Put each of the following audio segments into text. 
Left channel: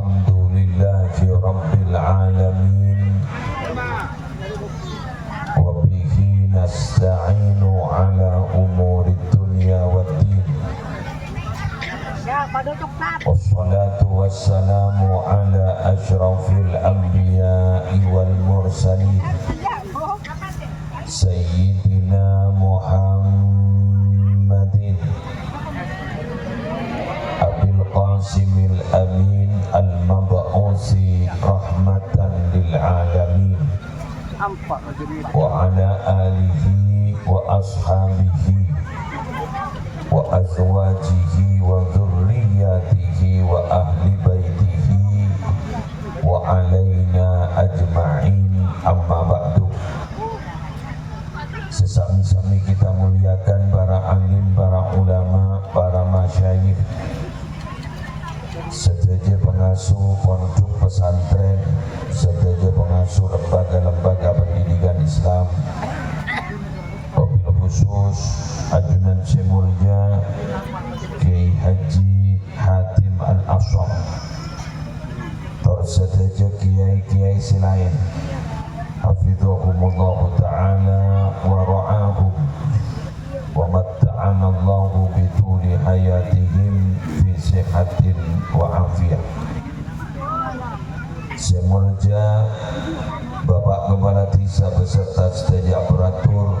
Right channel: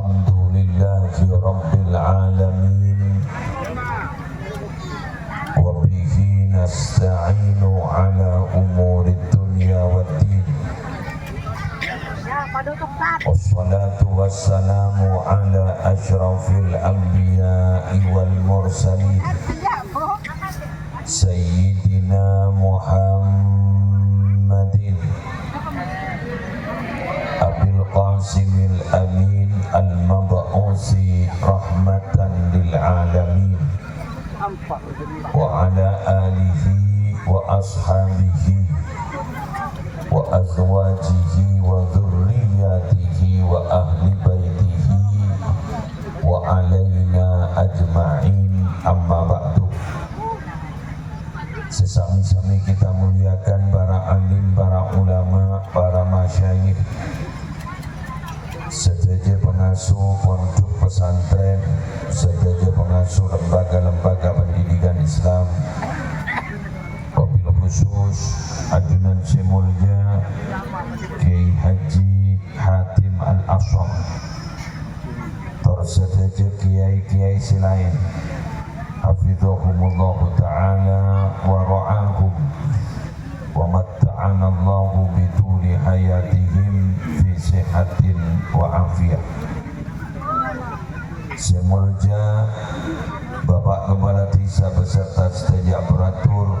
Alhamdulillahi Rabbil Alamin wa bihi nasta'inu ala umuri dunya waddin wassalatu wassalamu ala ashrafil anbiya'i wal mursalin Sayyidina Muhammadin Abil Qasimil Amin Al-Mab'usi Rahmatan lil Alamin wa ala alihi wa ashabihi wa azwajihi wa dhurriyyatihi wa ahli baitihi wa alaina ajma'in amma ba'du. Sesami-sami kita muliakan para alim, para ulama, para masyayikh, sedaja pengasuh pondok pesantren, sedaja pengasuh lembaga-lembaga pendidikan Islam, wabil khusus ajunan semulja Kiai Haji Hatim Al-Asham, tersedaja kiai-kiai selain hafizahumullah ta'ala wa ra'ahum wa matta'ana Allahu bituli hayatihim fi sihatin wa afiyah. Semulja Bapak Kepala Desa beserta sedaja aparatur,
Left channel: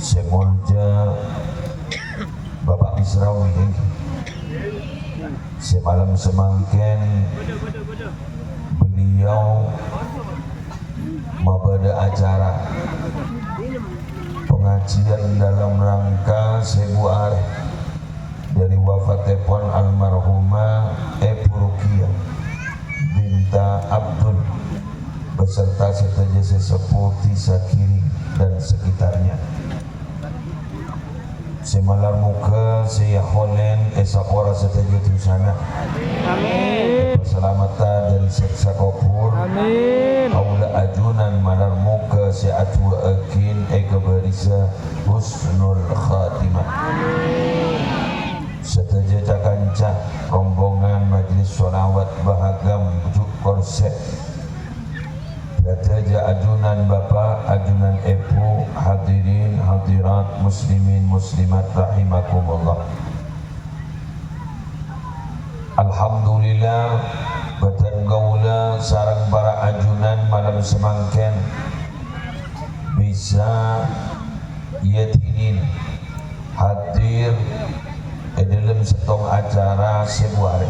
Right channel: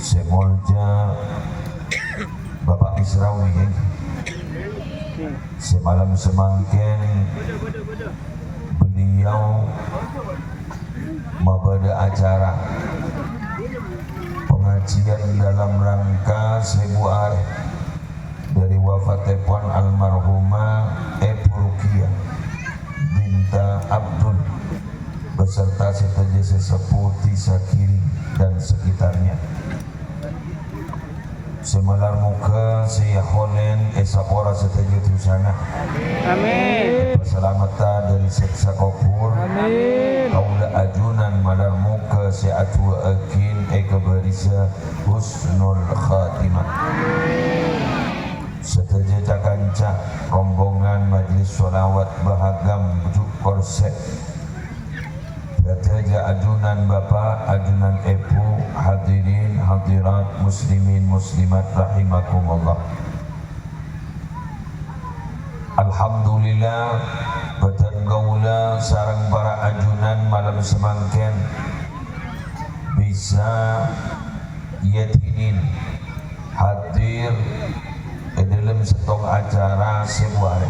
semulja Bapak Misrawi, semalam semangken beliau membada acara pengajian dalam rangka sebuah dari wafatipun almarhumah Ibu Ruqiyah Binta Abdul beserta sedaja sesepuh Desa Kiri dan sekitarnya. Semalar muka saya holen esapora sedaja di sana. Amin. Keselamatan dari seksa kubur. Amin. Kaula ajunan malar muka saya atu akin kebarisa husnul khatimah. Amin. Sedaja cakancah rombongan majlis sholawat bahagam bujuk korset. Sedaja ajunan Bapak, ajunan Ibu, hadirin, hadirat, muslimin, muslimat rahimakumullah. Alhamdulillah batan gaula sarang para ajunan malam semangken bisa yatinin hadir dalam setong acara sebuah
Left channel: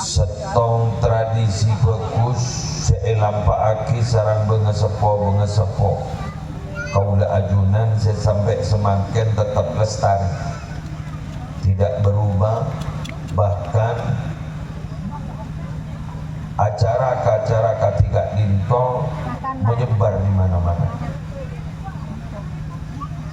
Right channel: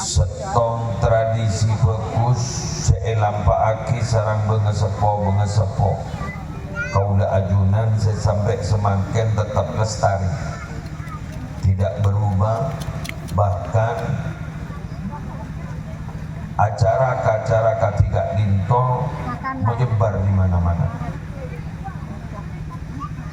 setong tradisi bagus seelampaaki sarang bengesepo kaula ajunan sampai semangken tetap lestari, tidak berubah, bahkan acara-acara ketiga dinto menyebar di mana-mana.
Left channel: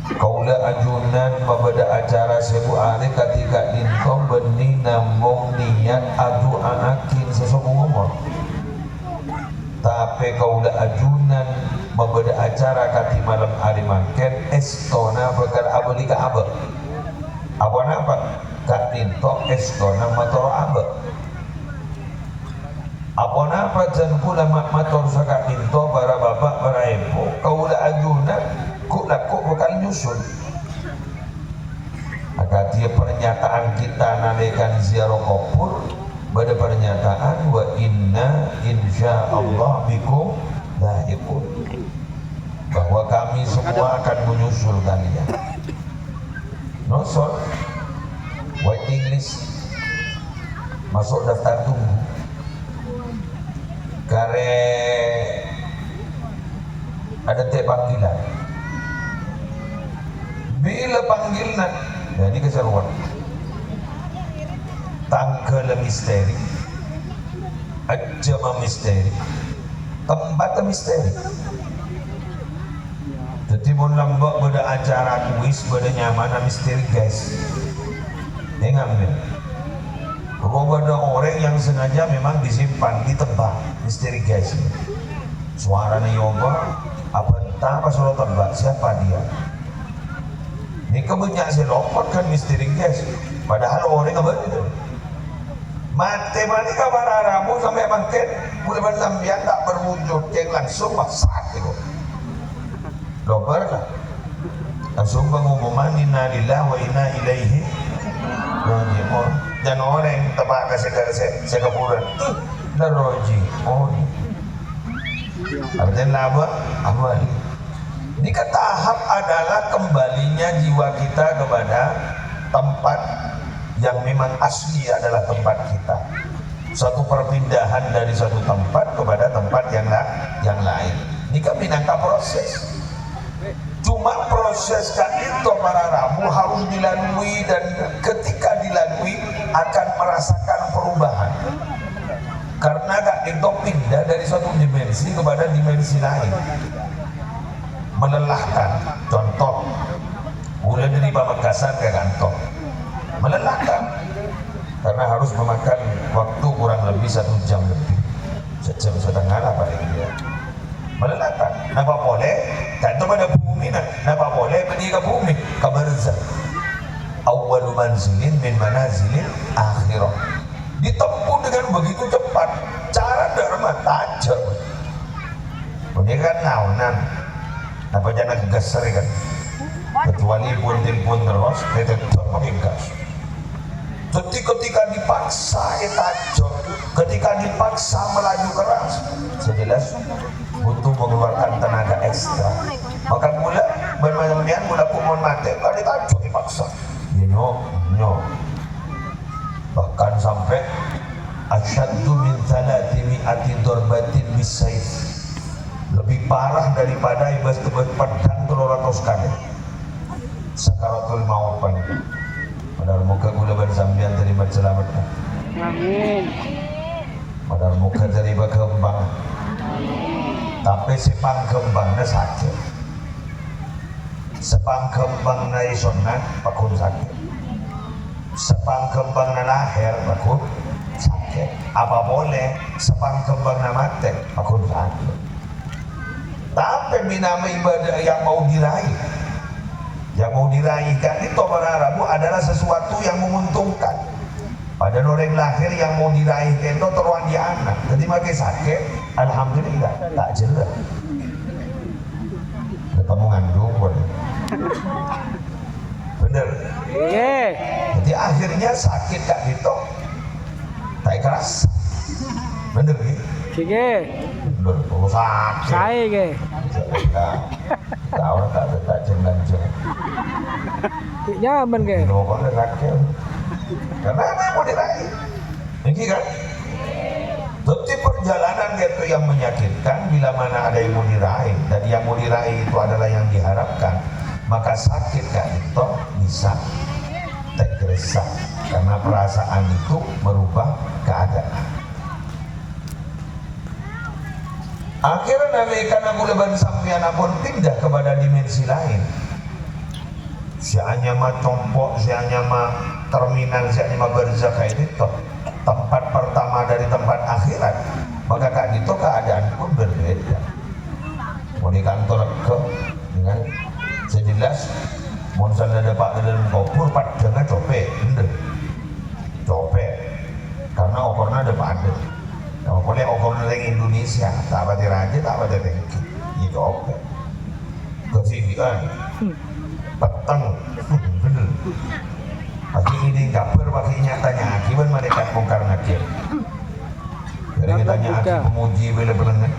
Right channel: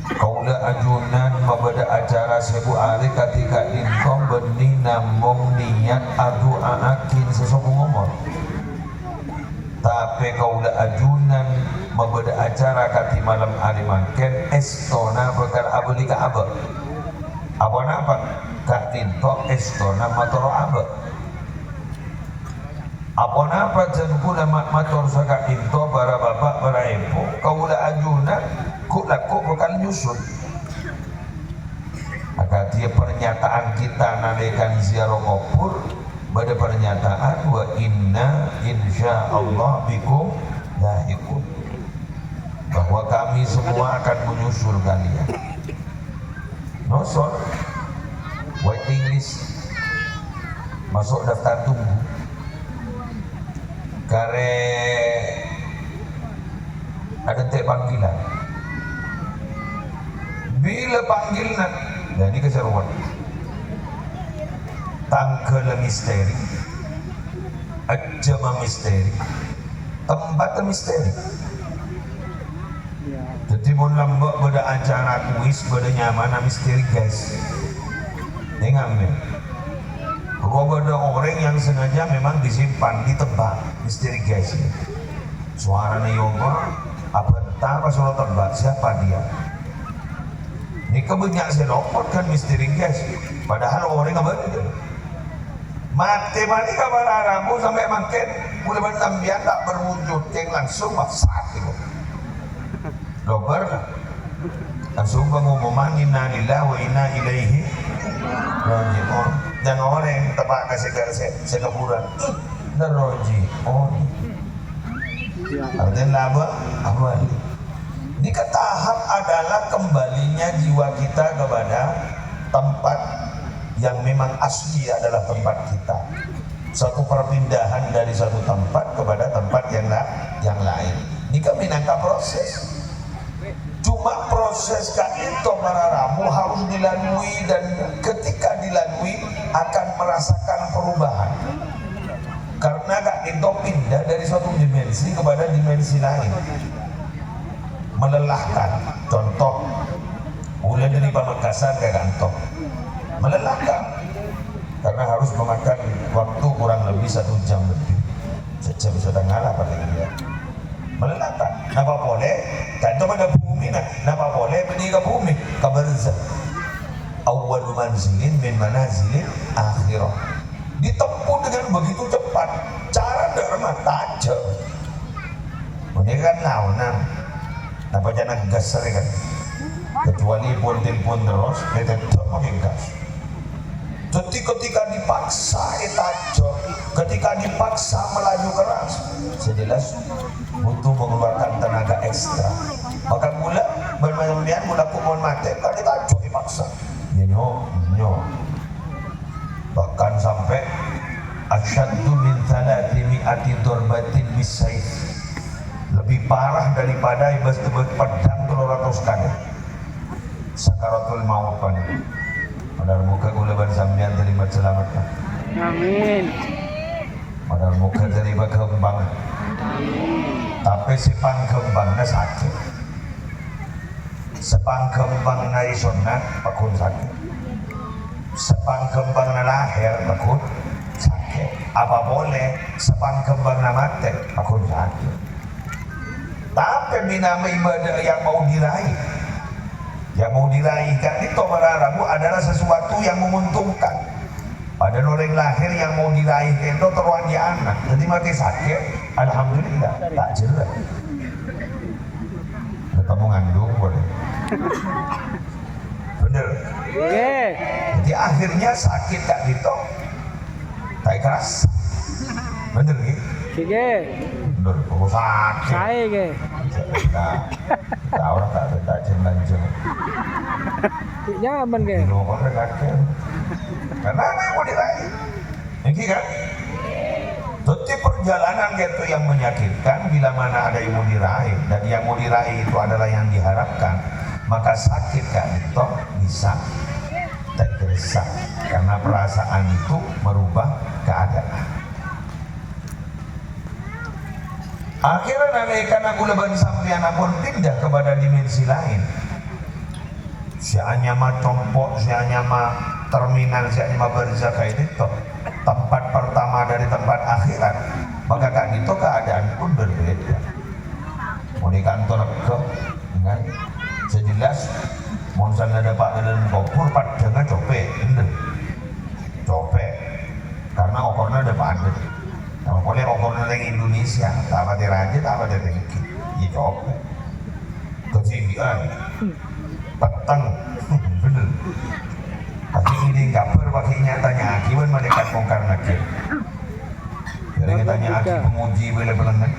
Kaula ajunan membada acara sebu hari ketiga dinto benih nambung niat adu akin sesuatu ngomong. Tapi kaula ajunan membada acara kati malam hari mangken estona bakal abeli ka abah. Apa napa? Kak tinto estona motor abah. Apa napa jan kula motor saka tinto para bapak para ibu. Kaula ajunan kuk bakal nyusun. Maka dia pernyataan kita nalekan ziarah kubur pada pernyataan wa inna insyaallah bikum lahiqun, bahwa kami semua akan menyusul kalian. Nosol waiting list, masuk daftar tunggu kare ada panggilan. Bila panggilan jadi keseruan tanggal misteri, ajama misteri, tempat misteri. Jadi mau lambak pada acara kuis pada nyaman misteri guys. Dengar nih, bahwa ada orang yang sengaja memang disimpan, ditebak misteri guys. Suaranya yoga, apa entah apa suara tebak, siapa dia? Ini kebanyakan selopot kan misteri guys. Padahal orang nggak benar. mati mani kabar aramu sampai makin mulai sambian tak berwujud yang langsung masak itu dober langsung pengumuman inna lillahi wa inna ilaihi raji'un dan orang yang tebak kasih sekapuran dan raji'un artinya apa ini ke tahap adalah kembalinya jiwa kita kepada tempat yang memang asli adalah tempat kita. Satu perpindahan dari satu tempat kepada tempat yang lain. Ini kan minangka proses. Cuma proses itu para ramu harus dilalui dan ketika dilalui akan merasakan perubahan. Karena Kak itu pindah dari suatu dimensi kepada dimensi lain. Melelahkan. Contoh, mulai dari Pamekasan ke Kantong. Melelahkan karena harus memakan waktu kurang lebih 1 jam lebih, 1 jam setengah lah paling dia. Melelahkan. Napa boleh? Kanto pada bumi napa boleh pergi ke bumi? Kabarza. Awwalu manzilin min manazilil akhirah. Ditempuh dengan begitu cepat. Cara dharma tajam. Ini kan naunan. Napa jangan gas kan? Kecuali pun telepon terus, tetap pakai gas. Ketika dipaksa etajo, ketika dipaksa melaju keras, sejelas butuh mengeluarkan tenaga ekstra. Maka mula bermain-main mula kumon mati, kalau ditajo dipaksa, nyo. Bahkan sampai asyaddu min thalathi mi'ati darbatin bisayf, lebih parah daripada ibas pedang 200 kali. Sakaratul maut pan. Padahal muka gula bersambian terima selamat. Amin. Padahal muka dari berkembang. Tapi sepang kembangnya sakit. Sepang kembangnya isonat pakun sakit. Sepang kembangnya lahir pakun sakit. Apa boleh sepang kembangnya mati pakun sakit. Tapi binama ibadah yang mau diraih. Yang mau diraihkan itu berarabu adalah sesuatu yang menguntungkan. Pada orang lahir yang mau diraihkan itu teruan di anak. Jadi makin sakit, alhamdulillah tak jelas. Ketemu ngandung boleh. Bener. Yeah. Jadi akhirnya sakit tak gitu, tak keras. Bener gitu. Sige. Bener, kalau sakit. Saya ke. Tahu tak ada jangan. Nyaman ke? Nyaman kan? Karena mau diraih. Ini kan? Jadi perjalanan itu yang menyakitkan bila mana ada yang mau diraih dan yang mau diraih itu adalah yang diharapkan, maka sakit kan itu bisa tergesa karena perasaan itu merubah keadaan. Akhirnya dari karena gulaban sampean pun pindah kepada dimensi lain. Sianya mah compok, sianya mah terminal, sianya mah berzaka itu tempat pertama dari tempat akhirat. Maka kak itu keadaan pun berbeda. Mau di kantor ke, kan? Sejelas, mau misalnya ada pak dalam kopur, pak dengan copek, copek. Karena okornya ada pak ada. Kalau boleh okornya yang Indonesia, tak ada raja, tak ada tengki, itu oke. Ketinggian, petang, bener. Tapi ini kabar pakai nyatanya, akibat malaikat mungkar nakir. Jadi tanya aki memuji bila berenang.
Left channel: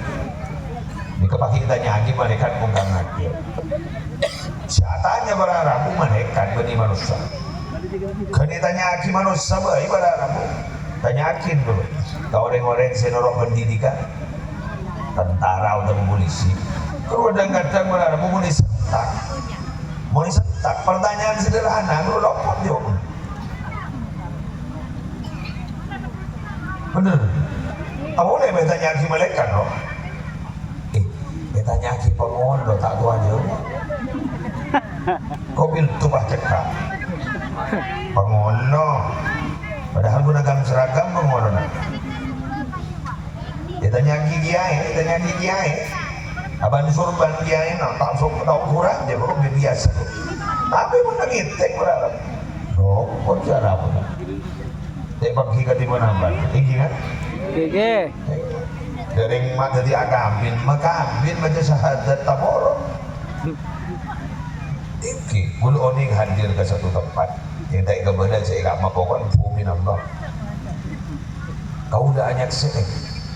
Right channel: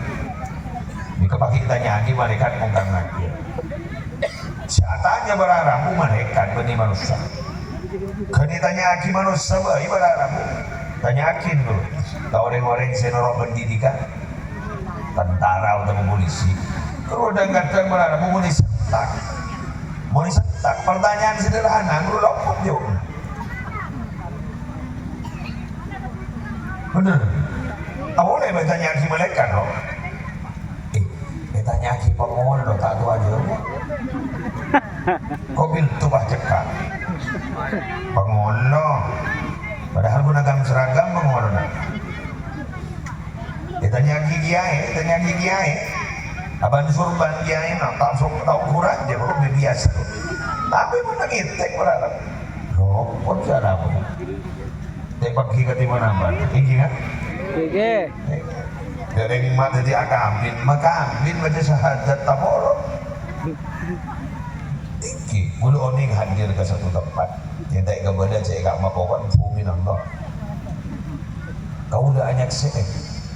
Jika pakai tanya aki malaikat mungkar nakir. Siatanya berarabu malaikat bani manusia. Kalau ditanya aki manusia baik berarabu. Tanyakin dulu, kau orang-orang senorok pendidikan, tentara udah polisi, kalau udah kadang berada mau disetak, pertanyaan sederhana, lu lopot jawab. Bener, tak boleh bertanya aki malaikat loh. Bertanya aki pengon lo tak tahu aja. Kau bil tuh cekak, pengon lo. Padahal gunakan seragam pengorona. Ditanya kiai, abang surban kiai, tak sok tahu kurang dia baru biasa. Tapi pun ngitek berapa? Rokok cara apa? Dek pagi ke timur nampan, iki kan? Iki. Dereng mak jadi agambin, maka ambin baca syahadat taboro. Iki, bulu oning hadir ke satu tempat. Yang tak kebenar cek gak mapokon bumi Allah. Kau dah anyak se'eh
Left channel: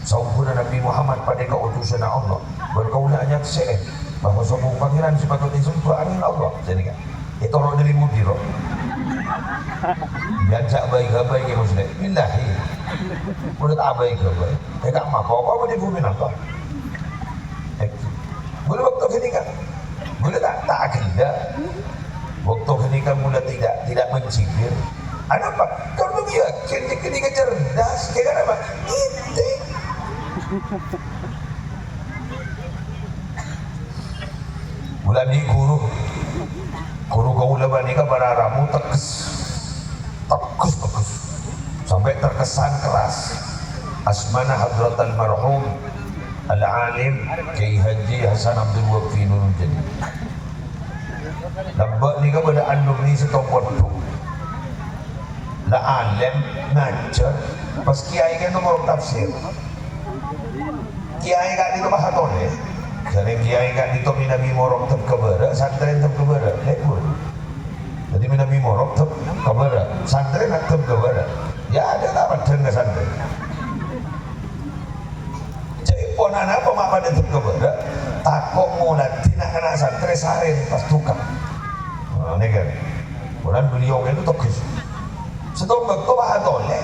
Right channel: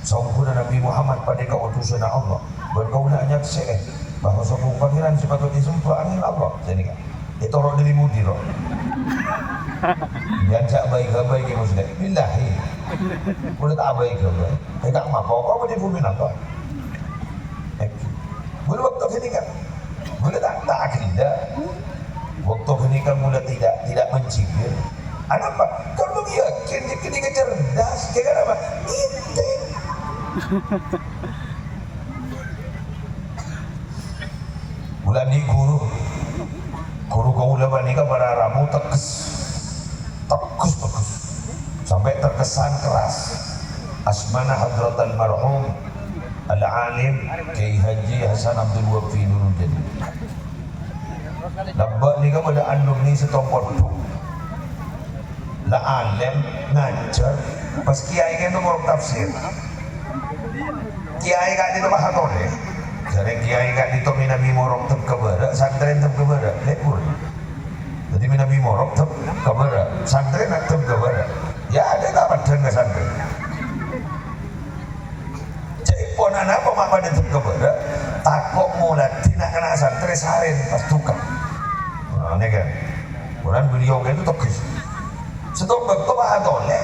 sampuna Nabi Muhammad pada keutusan Allah. Dan kau dah anyak se'eh bahawa sambung pangeran sepatutnya disumpah angin Allah. Jadi kan, itu orang dilimudi roh. Biasa baik-baik ya muslim. Billahi. Udah tak baik-baik. Gak mapokon di bumi Allah. Boleh waktu ini kan? Boleh tak ada. Waktu ini kamu dah tidak mencibir. Ada apa? Kamu yakin dia cerdas? Kira apa? Itu. Bulan ni guru kau lepas ni kan beraramu tekus sampai terkesan keras. Asmana Hadrat Al-Marhum Al-Alim Kiai Haji Hasan Abdul Wafi Nurul Jadi. Lambat ni kan pada alumni setompot tu. La alim ngajar pas kiai kan nomor tafsir. Kiai kat itu mah hatole. Jadi kiai kat itu Nabi morok tep kebara, santren tep kebara, lebur. Jadi Nabi morok tep kebara, santren tep kebara. Ya ada tak padang ke santren. Jadi ponan apa mak pada tep kebara, takut mulat tidak kena santren sehari pas tukang. Nah, ini kan. Kemudian beliau itu tegus. Setong bekto atole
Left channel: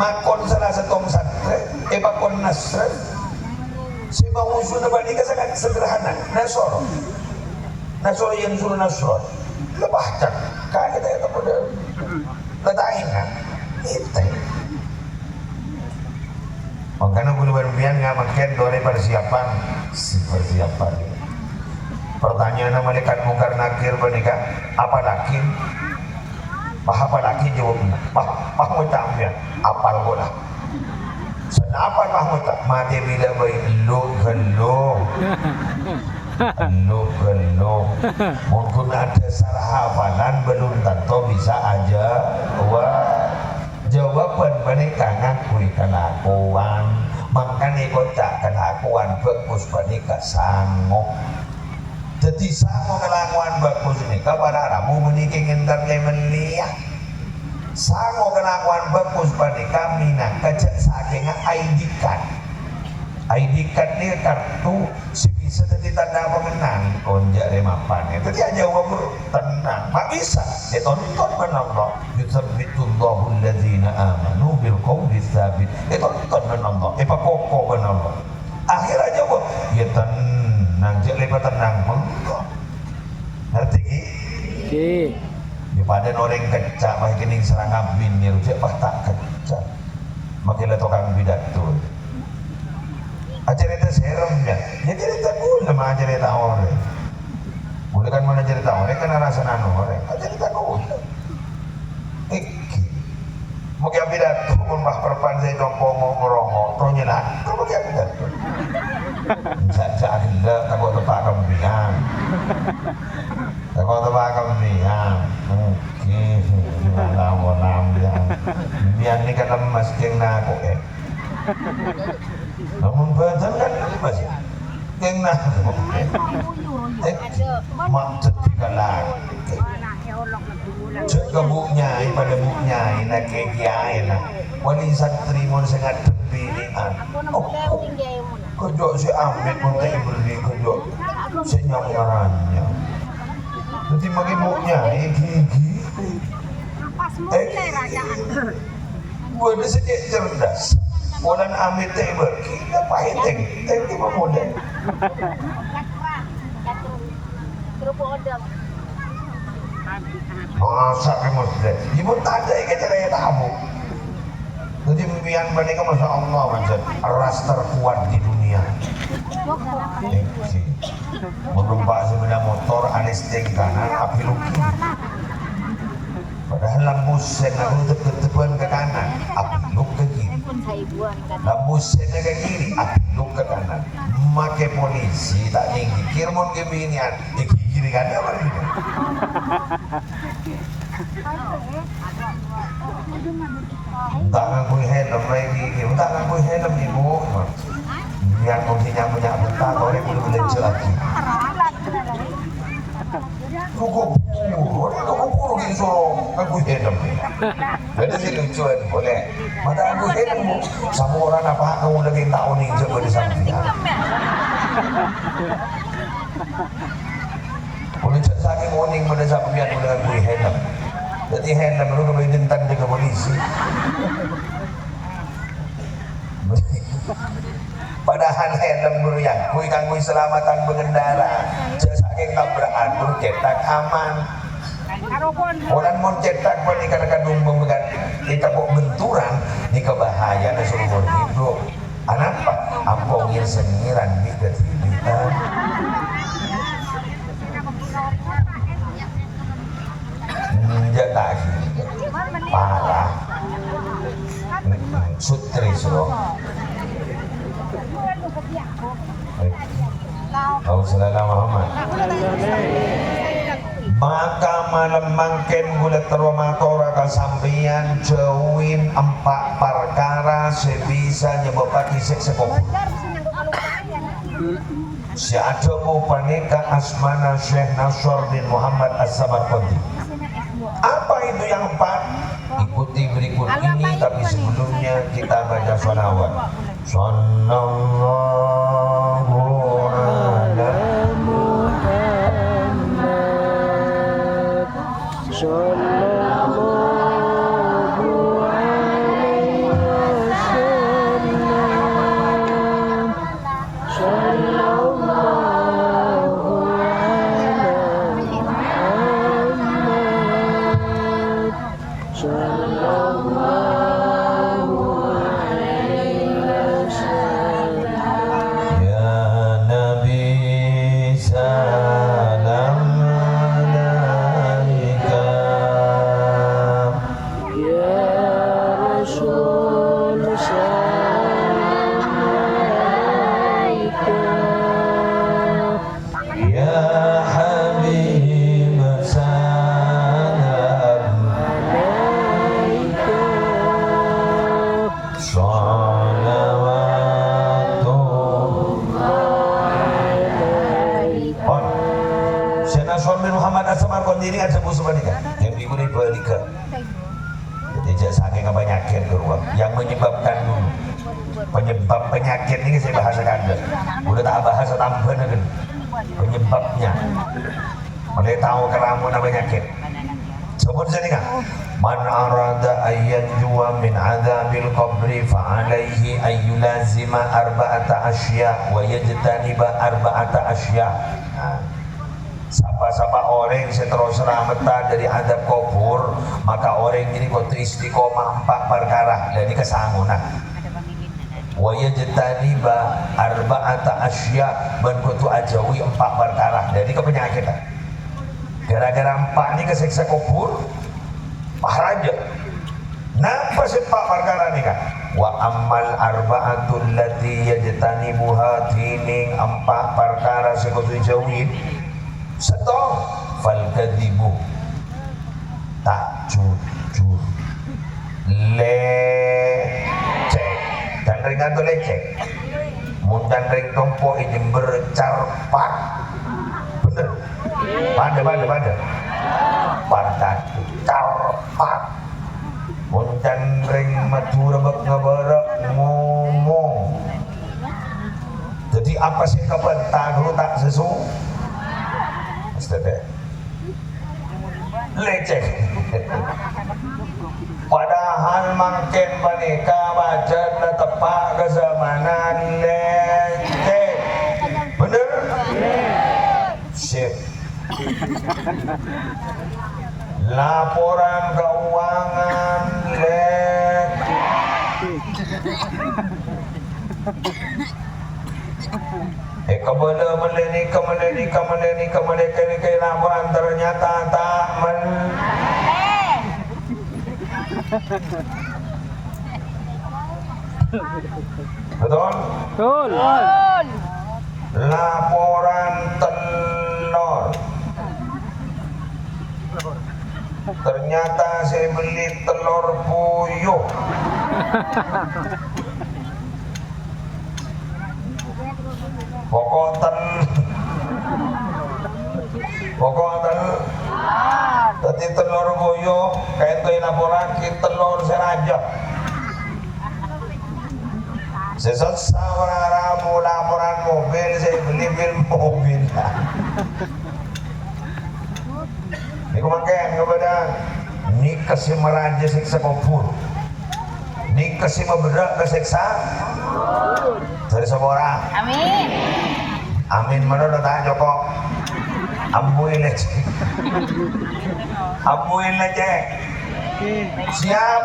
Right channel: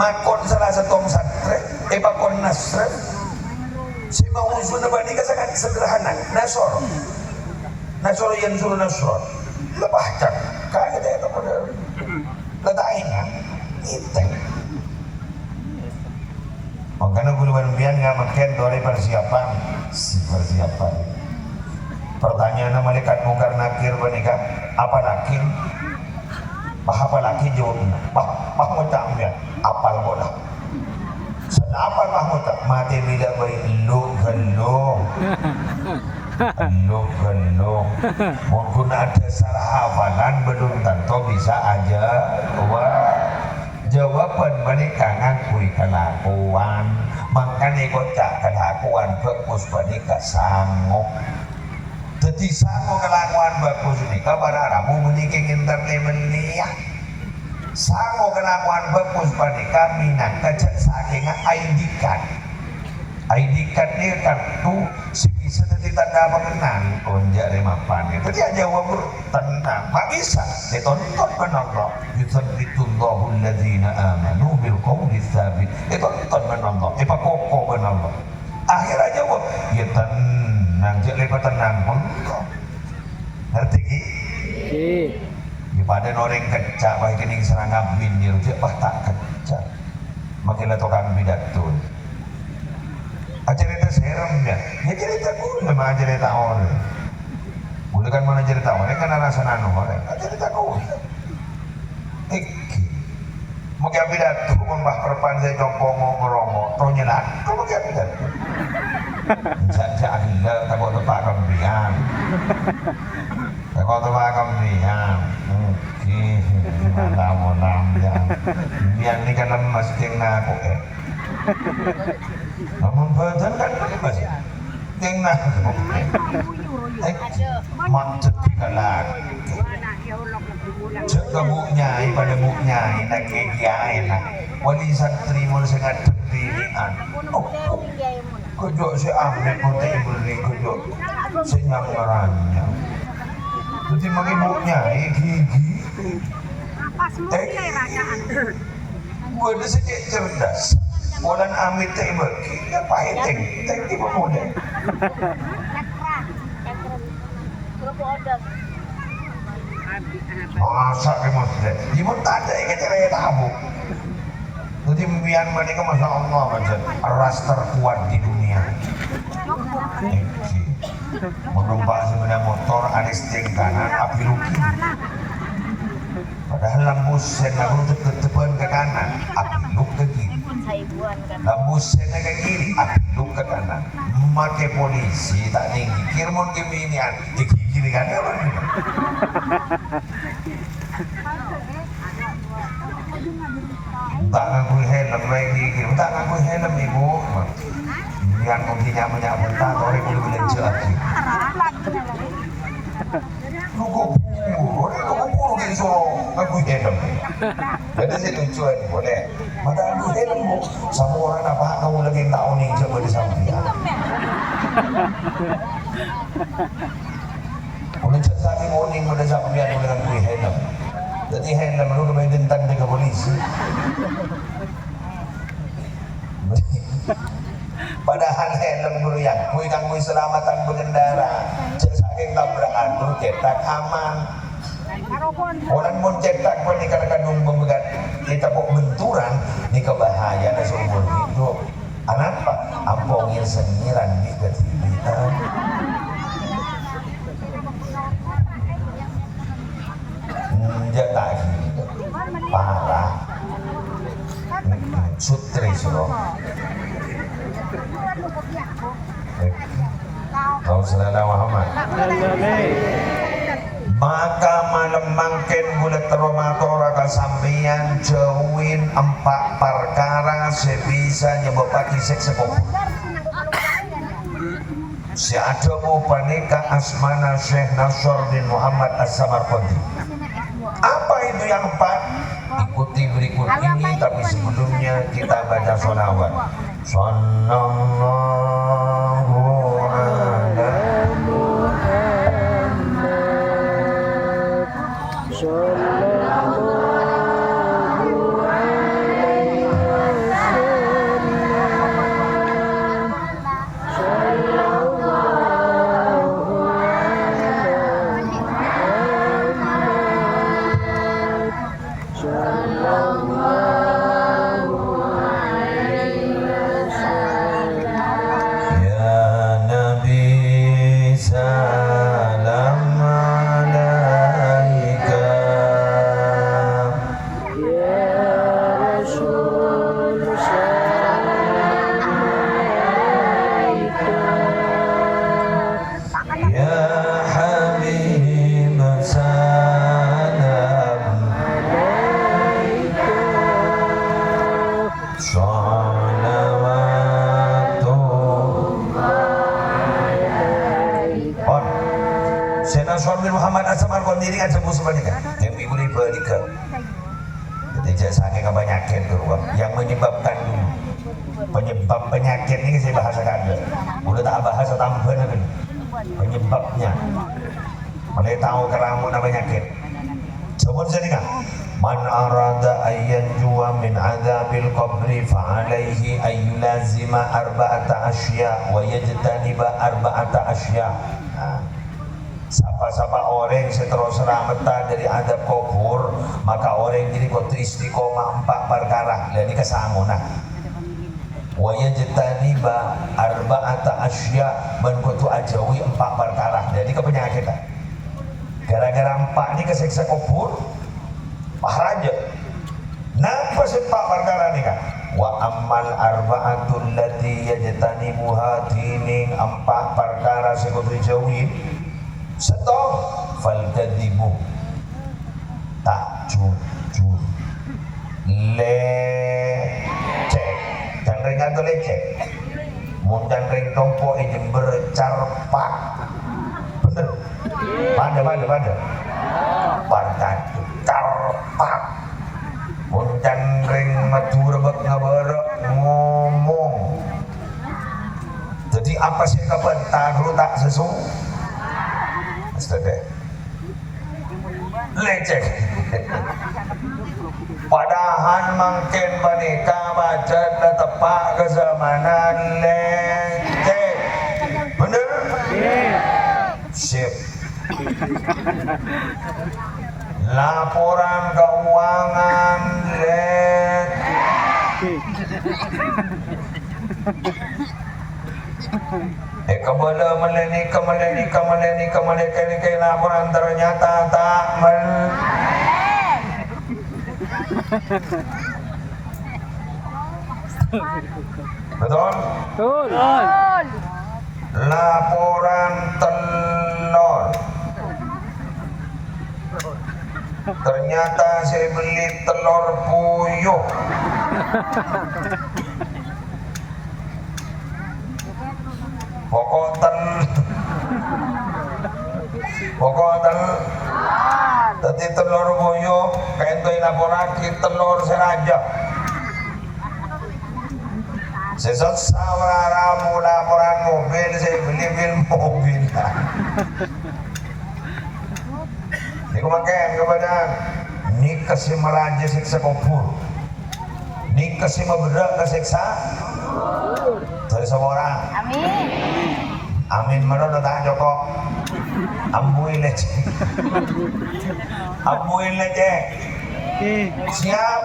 makon salah setong santren pakon nasren si mau usul bani ka sangat sederhana nasor yang suruh nasor lebah tak kagak ada kepada lataingan itu makanya bulu bian nggak makin dari persiapan pertanyaan malaikat mungkar nakir menikah apa nakir apa lagi jawabnya? Mahmud tak ambil, apal kau dah. Kenapa Mahmud tak? Mati bila bayi lu. Mungkin ada sarah hafalan belum tentu bisa aja. Jawaban mereka ngakui kelakuan, makanya kau tak kelakuan bagus mereka sanggup. Jadi sama kelakuan bagus ini kabar aramu menikah entertainment ni ya. Sama kelakuan bagus pada kami nak kacak saking ID card. ID card ni kartu sebisa jadi tanda pengenal konjak remapan. Jadi aja wabur tenang. Tak bisa. Ditonton kan Allah. Yuthabbitullahu alladhina amanu bil qawli tsabit. Ditonton kan Allah. Pakoko kan Allah. Akhir aja wabur. Ya tenang, jangan tenang pun. Ngerti ki? Daripada orang kecak, baik kening serang abin ni, rujak bah tak kecak. Makin tukang pidato. Ajar itu serem ya. Ya cerita gula mah cerita orang. Gula kan mana cerita orang kan rasa nano orang. Cerita gula. Iki. Mungkin pidato pun bah perpan saya jompong ngorong, tonya lah. Kamu mungkin pidato. Sajak gila takut tempat kembiang. Takut tempat kembiang. Mungkin mana mau nambiang. Biang ni kan lemas jeng nak eh. Namun badan kan lemas. Jeng nak eh. Macet dikalah. Cek ke buk nyai pada buk nyai nak kiai nak. Wali santri mau sangat tepilian. Kejok si ambil pun tak beri kejok senyap ngaranya. Nanti bagi buknya gigi. Gue dah sejak cerdas. Orang ambil tak beri. Apa hiteng? Tak tiba modal. Masa ni muslim. Ibu tak ada yang cara yang tahu. Jadi biang mereka masya Allah macam ras terkuat di dunia. Menumpak sepeda motor ada steng kanan api rugi. Padahal lampu sen aku untuk ketepan ke kanan api luk ke kiri. Lampu sen ke kiri api luk ke kanan. Make polisi tak tinggi kirmon keminian di kiri kanan apa gitu. Tak ngangkui helm lagi, tak ngangkui helm ibu. Biar mungkin nyamanya bentar, orang udah belajar lagi. Kok gitu ngangkui helm? Jadi sih tujuan boleh. Mata ngangkui helm, sama orang apa kamu lagi tahu nih coba di samping. Udah cari morning pada sampai biar udah ngangkui helm. Jadi helm lu kembali jentan ke polisi. Padahal helm guru yang kui kanggo keselamatan pengendara. Saking tabrakan guru cetak aman. Orang mau cetak pun dikatakan memegang kita kok benturan di kebahayaan seumur hidup. Kenapa? Ampongin sengiran di kehidupan. Jatah parah. Sutris loh. Kau selada Muhammad. Maka melemangkan bulat teromatora kesampian jauhin 4 perkara sebisa nyebabkan isek sekop. Si adamu panika asmana Syekh Nasr bin Muhammad As-Samarqandi. Apa itu yang 4? Ikuti berikut ini, tapi sebelumnya kita baca sholawat. Sallallahu ala Muhammad sallallahu alaihi wasallam sallallahu ala Muhammad sallallahu alaihi wasallam. Ya Nabi salam alaika, ya Rasul salam alaika, ya Habib salam alaika, Syekh Nasr bin Muhammad As-Samarqandi ini ada musuh menikah yang ibu ini balika. Jadi saking penyakit keluar yang menyebabkan dulu penyebab penyakit ini saya bahasakan dulu. Udah tak bahasa tambahan kan penyebabnya. Mulai tahu keramun penyakit. Sebut sini kan. Man arada ayat jua min adzabil qabri fa alaihi ayyulazima arba'ata asya wa yajtaniba arba'ata asya. Siapa orang yang terus selamatan dari adab kubur, maka orang ini kudu istiqomah 4 perkara. Dan ini kesangunan. Wa yajtaniba arba'ata asya, dan kudu ajawi 4 perkara. Jadi kepenyakitan. Gara-gara 4 ini kesiksa kubur, maharaja. Napa sih 4 perkara ini kan? Wa ammal arba'atul lati yajtanibuha tining 4 perkara sing kudu jauhin. Setong fal kadibu, tak jujur, lecek, dan ringan tu lecek, mundan ring tompo ini bercarpak, bener, pada, partai carpak, mundan ring maju rebek ngeberek ngomong. Jadi apa sih kapan tahu tak sesu? Astaga, lecek. Padahal mungkin mereka baca tepak kezamanan lecek, bener? Sip. Laporan keuangan lecek. Kembali laporan ternyata tak betul? Betul. Laporan telur ternyata Ternyata saya beli telur puyuh. Pokok tadi telur puyuh kayak itu laporake telur seraja. Sesat ramu laporan mobil, saya beli mobil. Ini kemakan kepada ini kasih meraja siksa kubur, ini kasih berat kesiksa dari semua orang. Amin menurut tak Joko. Ambuin aja. Siap.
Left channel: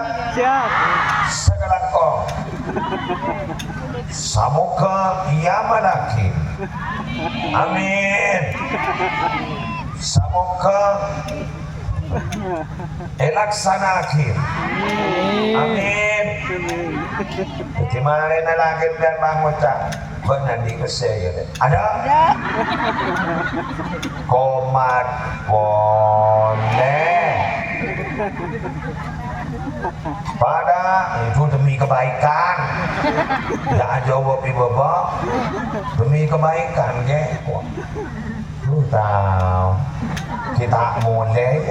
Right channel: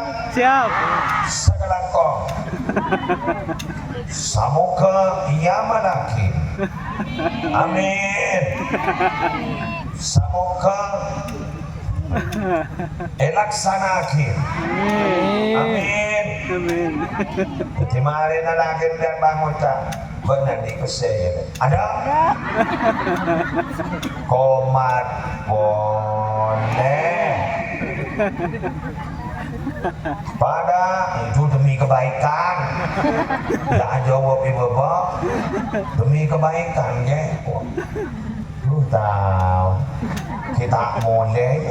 Sekarang kau. Samoga ia malaki. Amin. Samoga elaksanaki. Amin. Kemarin lagi dan bangunan benar di kesehatan. Ada? Komat boleh. Pada itu demi kebaikan. Tidak jawab ibu bapak. Demi kebaikan ya. Lu tahu kita mulai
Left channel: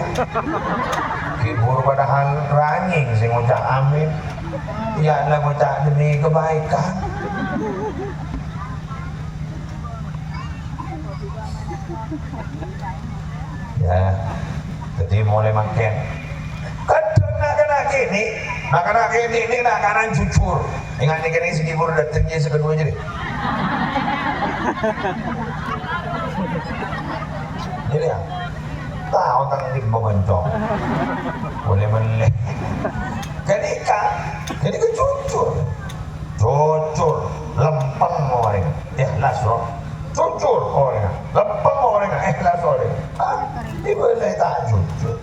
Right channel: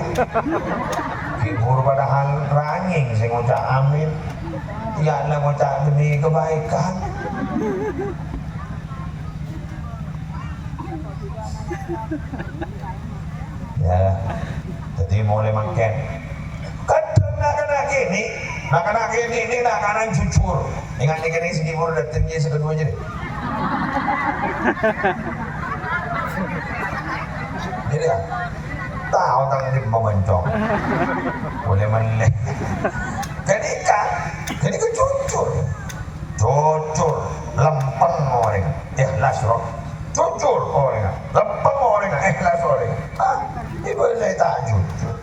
hibur padahal ranying saya ngucap amin. Ya lah ngucap demi kebaikan. Ya, jadi mulai makan. Kadang nak gini, ini nak kanan jujur. Ingat ini segi baru datangnya sekedua jadi. Jadi ya, tahu tentang ini memencong. Boleh melek. Jadi jujur, lempeng orang. Ikhlas roh. Jujur orang, lempeng orang, ikhlas orang. Ibu saya tak jujur.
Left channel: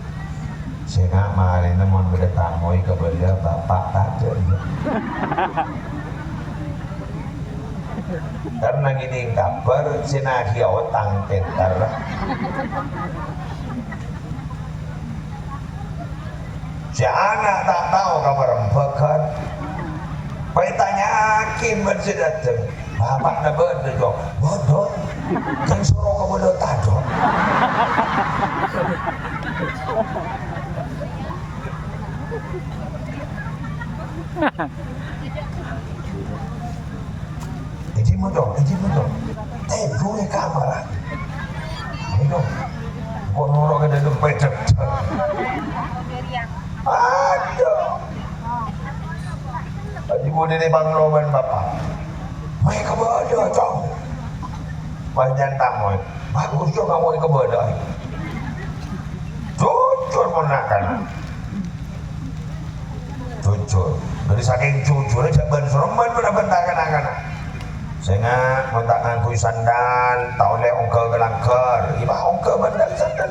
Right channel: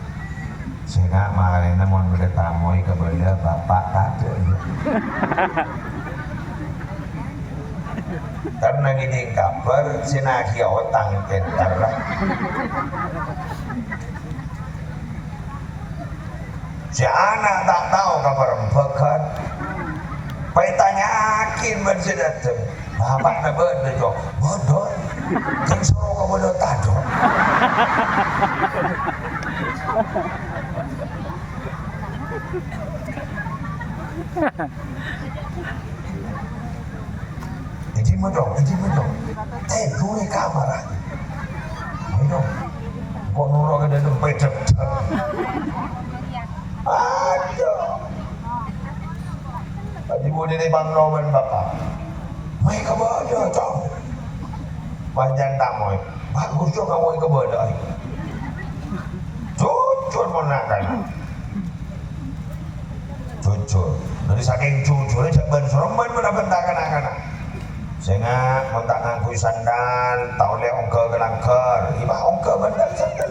Saya kemarin namun bertamu kepada bapak tak ada. Karena gini kabar sinahia otang tentar. Si anak tak tahu kabar empekan. Pai tanyakin bersedateng. Bapak nak bodoh, bodoh. Yang suruh ke bodoh tajo. Jadi mudong. Teguh ni kamera. Mudong. Kau nurut ke dalam pedap. Aduh. Tadi boleh ni bang Roman bapak. Mai ke bodoh cong. Banyak tak mau. Bagus juga mau ke bodoh. Jujur menakan. Jujur. Dari saking jujurnya jangan seremban pada bentakan. Sehingga montak ngangkui sandal, tak oleh ongkel ke langker. Iba ongkel bandal sandal.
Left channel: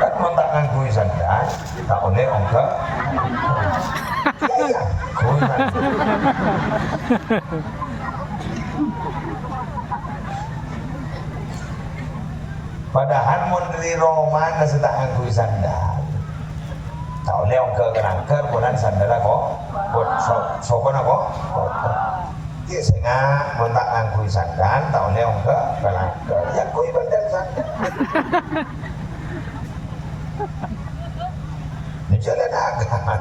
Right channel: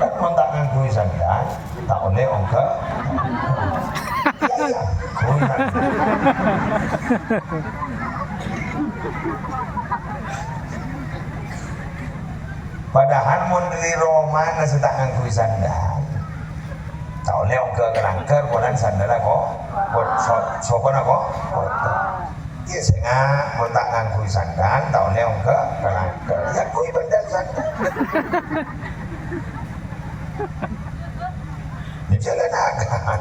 Kan montak ngangkui sandal, tak oleh ongkel. Iya, padahal menteri Roma nasi tak ngangkui sandal. Tak oleh ongkel ke langker, bukan sandal kok. Sopan aku? Iya sehingga montak ngangkui sandal, tak oleh ongkel ke langker. Ya kui bandal sandal. Ini jalan agak,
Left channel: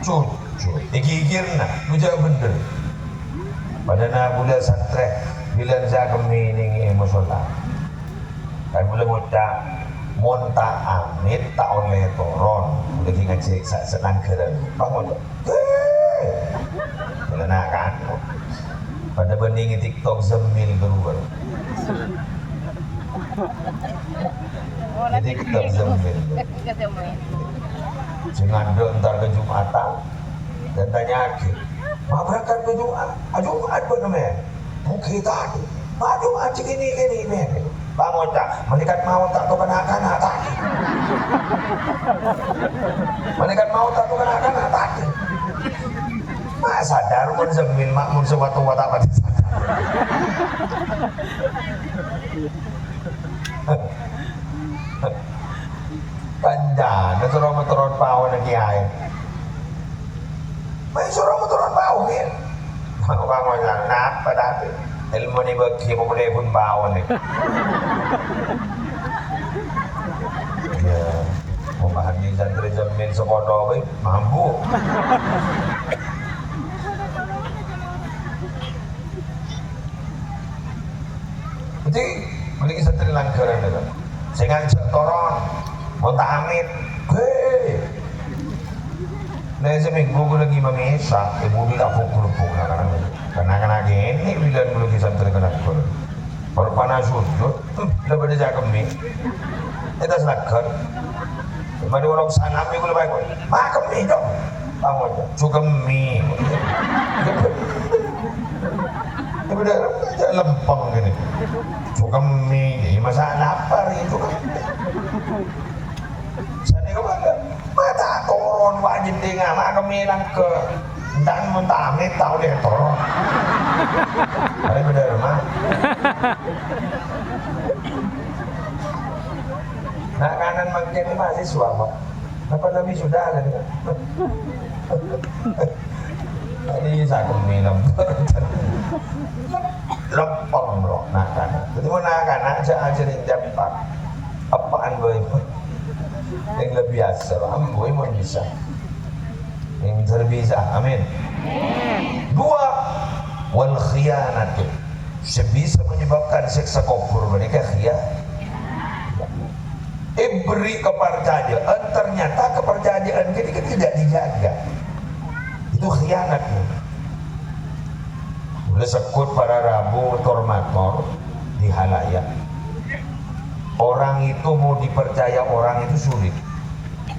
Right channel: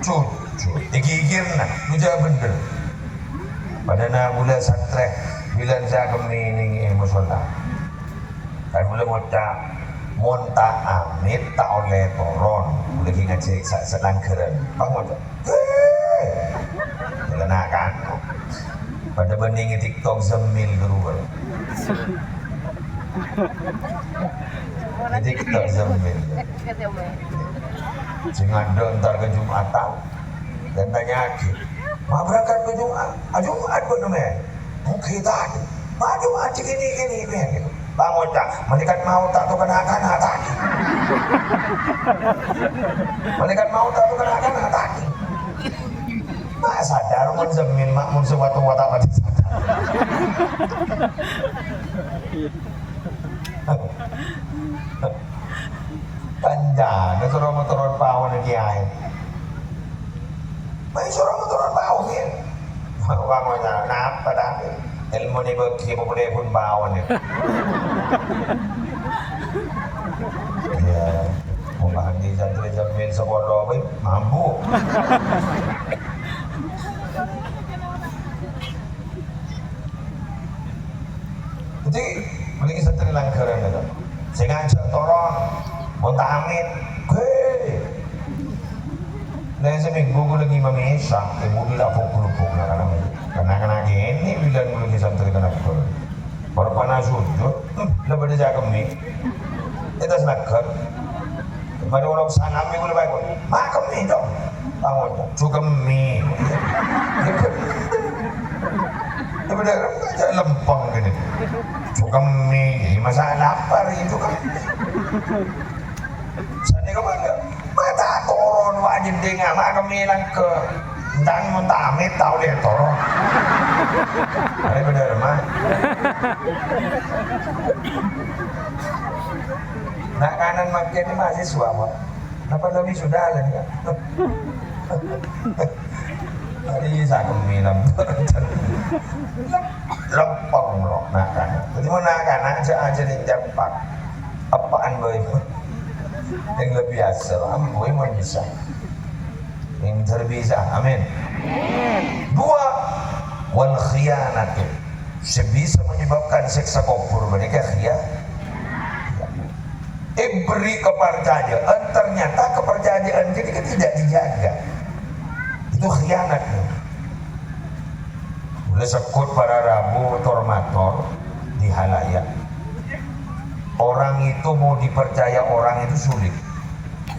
jujur, digigir nak, menjadi bener. Pada nak mula santrek, bila saya kemining musola, dan mula muda, monta amit tak oleh toron, lagi ngajak selang keren, bangun tu, jalan agak. Pada banding TikTok zemil keluar. TikTok zemil. Jangan ntar ke Jumatan dan tanya lagi, mau berangkat ke Jumat? Jumat pun namanya. Mungkin tak ada. Jumat gini. Bang Oca, malaikat maut tak tu kena-kena tak. Malaikat maut tak tu kena-kena tak. Mak sadar mun zemin makmun suatu wata apa sadar. ada turun pawon kiai. May turun pawon ya. Bangunnya nak pada ilmu ni bagi boleh pun pawon ni. Ya, mulahan di santri jamin sekolah we mampu. Jadi beli santri langgaran itu. Saya ngajak toron, mau amit, nah seminggu gue lagi memisah, ibu bilang pukul-pukul karena gini bila dulu di santri kena gol, baru panas sujud, udah pada jaga mie, itu selakat, kemarin orang sana mie gue lebih gol, makan mie dong, bangun, juga mie, tapi dah aja lempeng gini, juga mie, masa lapar itu kan. Sana kemana? Mata turun wajib dengar, mak kami lang ke dan muntamit tahu dia turun. Ada benar mah. Nak kanan makin ini mahasiswa mah. Apa lebih sudah lah ni? Ini saya kami lempeng loh nak kanan. Jadi mau nak kanan aja yang jampak. Apaan boy? Yang lebih biasa, boy mau bisa. Yang terbisa, amin. Dua, wal khianat. Sebisa menyebabkan seksa kubur mereka khianat. Beri kepercayaan, ternyata kepercayaan kita tidak dijaga. Itu khianat. Boleh sekut pada Rabu tormator di halayak. Orang itu mau dipercaya orang itu sulit.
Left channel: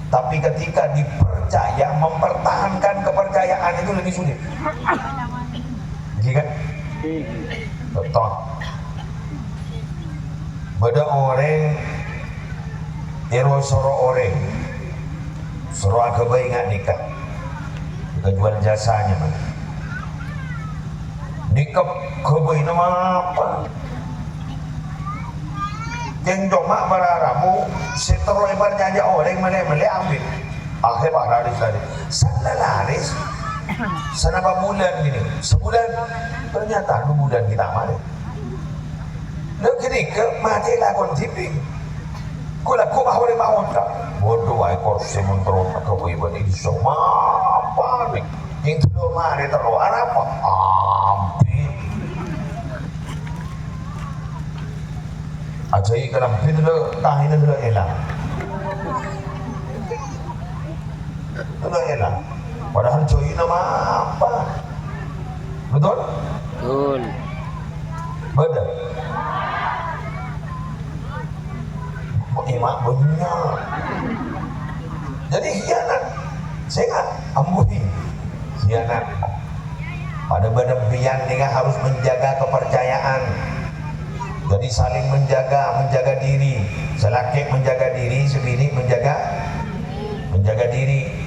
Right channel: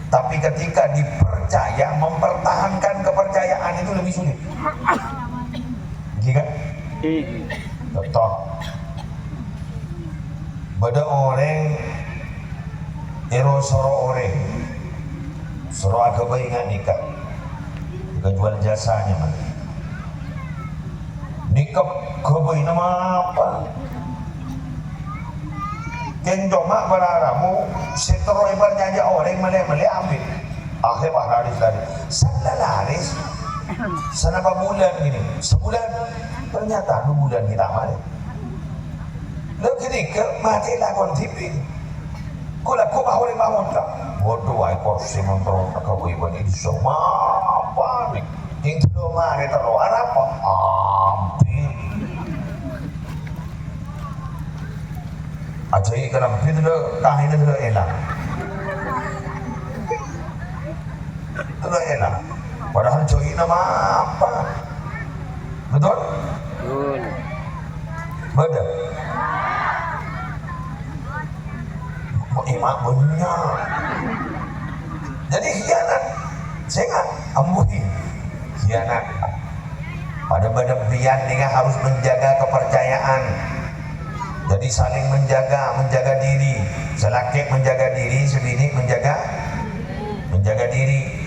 Tapi ketika dipercaya, mempertahankan kepercayaan itu lebih sulit. Jika contoh, beda orang soro orang soro agama ingat nikah, kita jual jasanya. Nikah kebaik nama apa? Yang cuma para ramu setelah berjanji orang mele ambil akhir pak laris lari sana laris sana bulan gini sebulan ternyata 2 bulan kita mari lalu gini ke mati lakon tipi kulaku mahuri mahonta bodoh ay korsi montro kau ibu ini semua apa nih yang tu mari terlalu apa ambil Ajai kalau pindah tahin itu elang, itu elang. Padahal join nama apa? Betul? Betul. Betul. Imak punya. Jadi khianat, saya nggak ambuhi khianat. Pada badan pian dengan harus menjaga kepercayaan. Jadi saling menjaga diri. Selaki menjaga diri, sebini menjaga diri.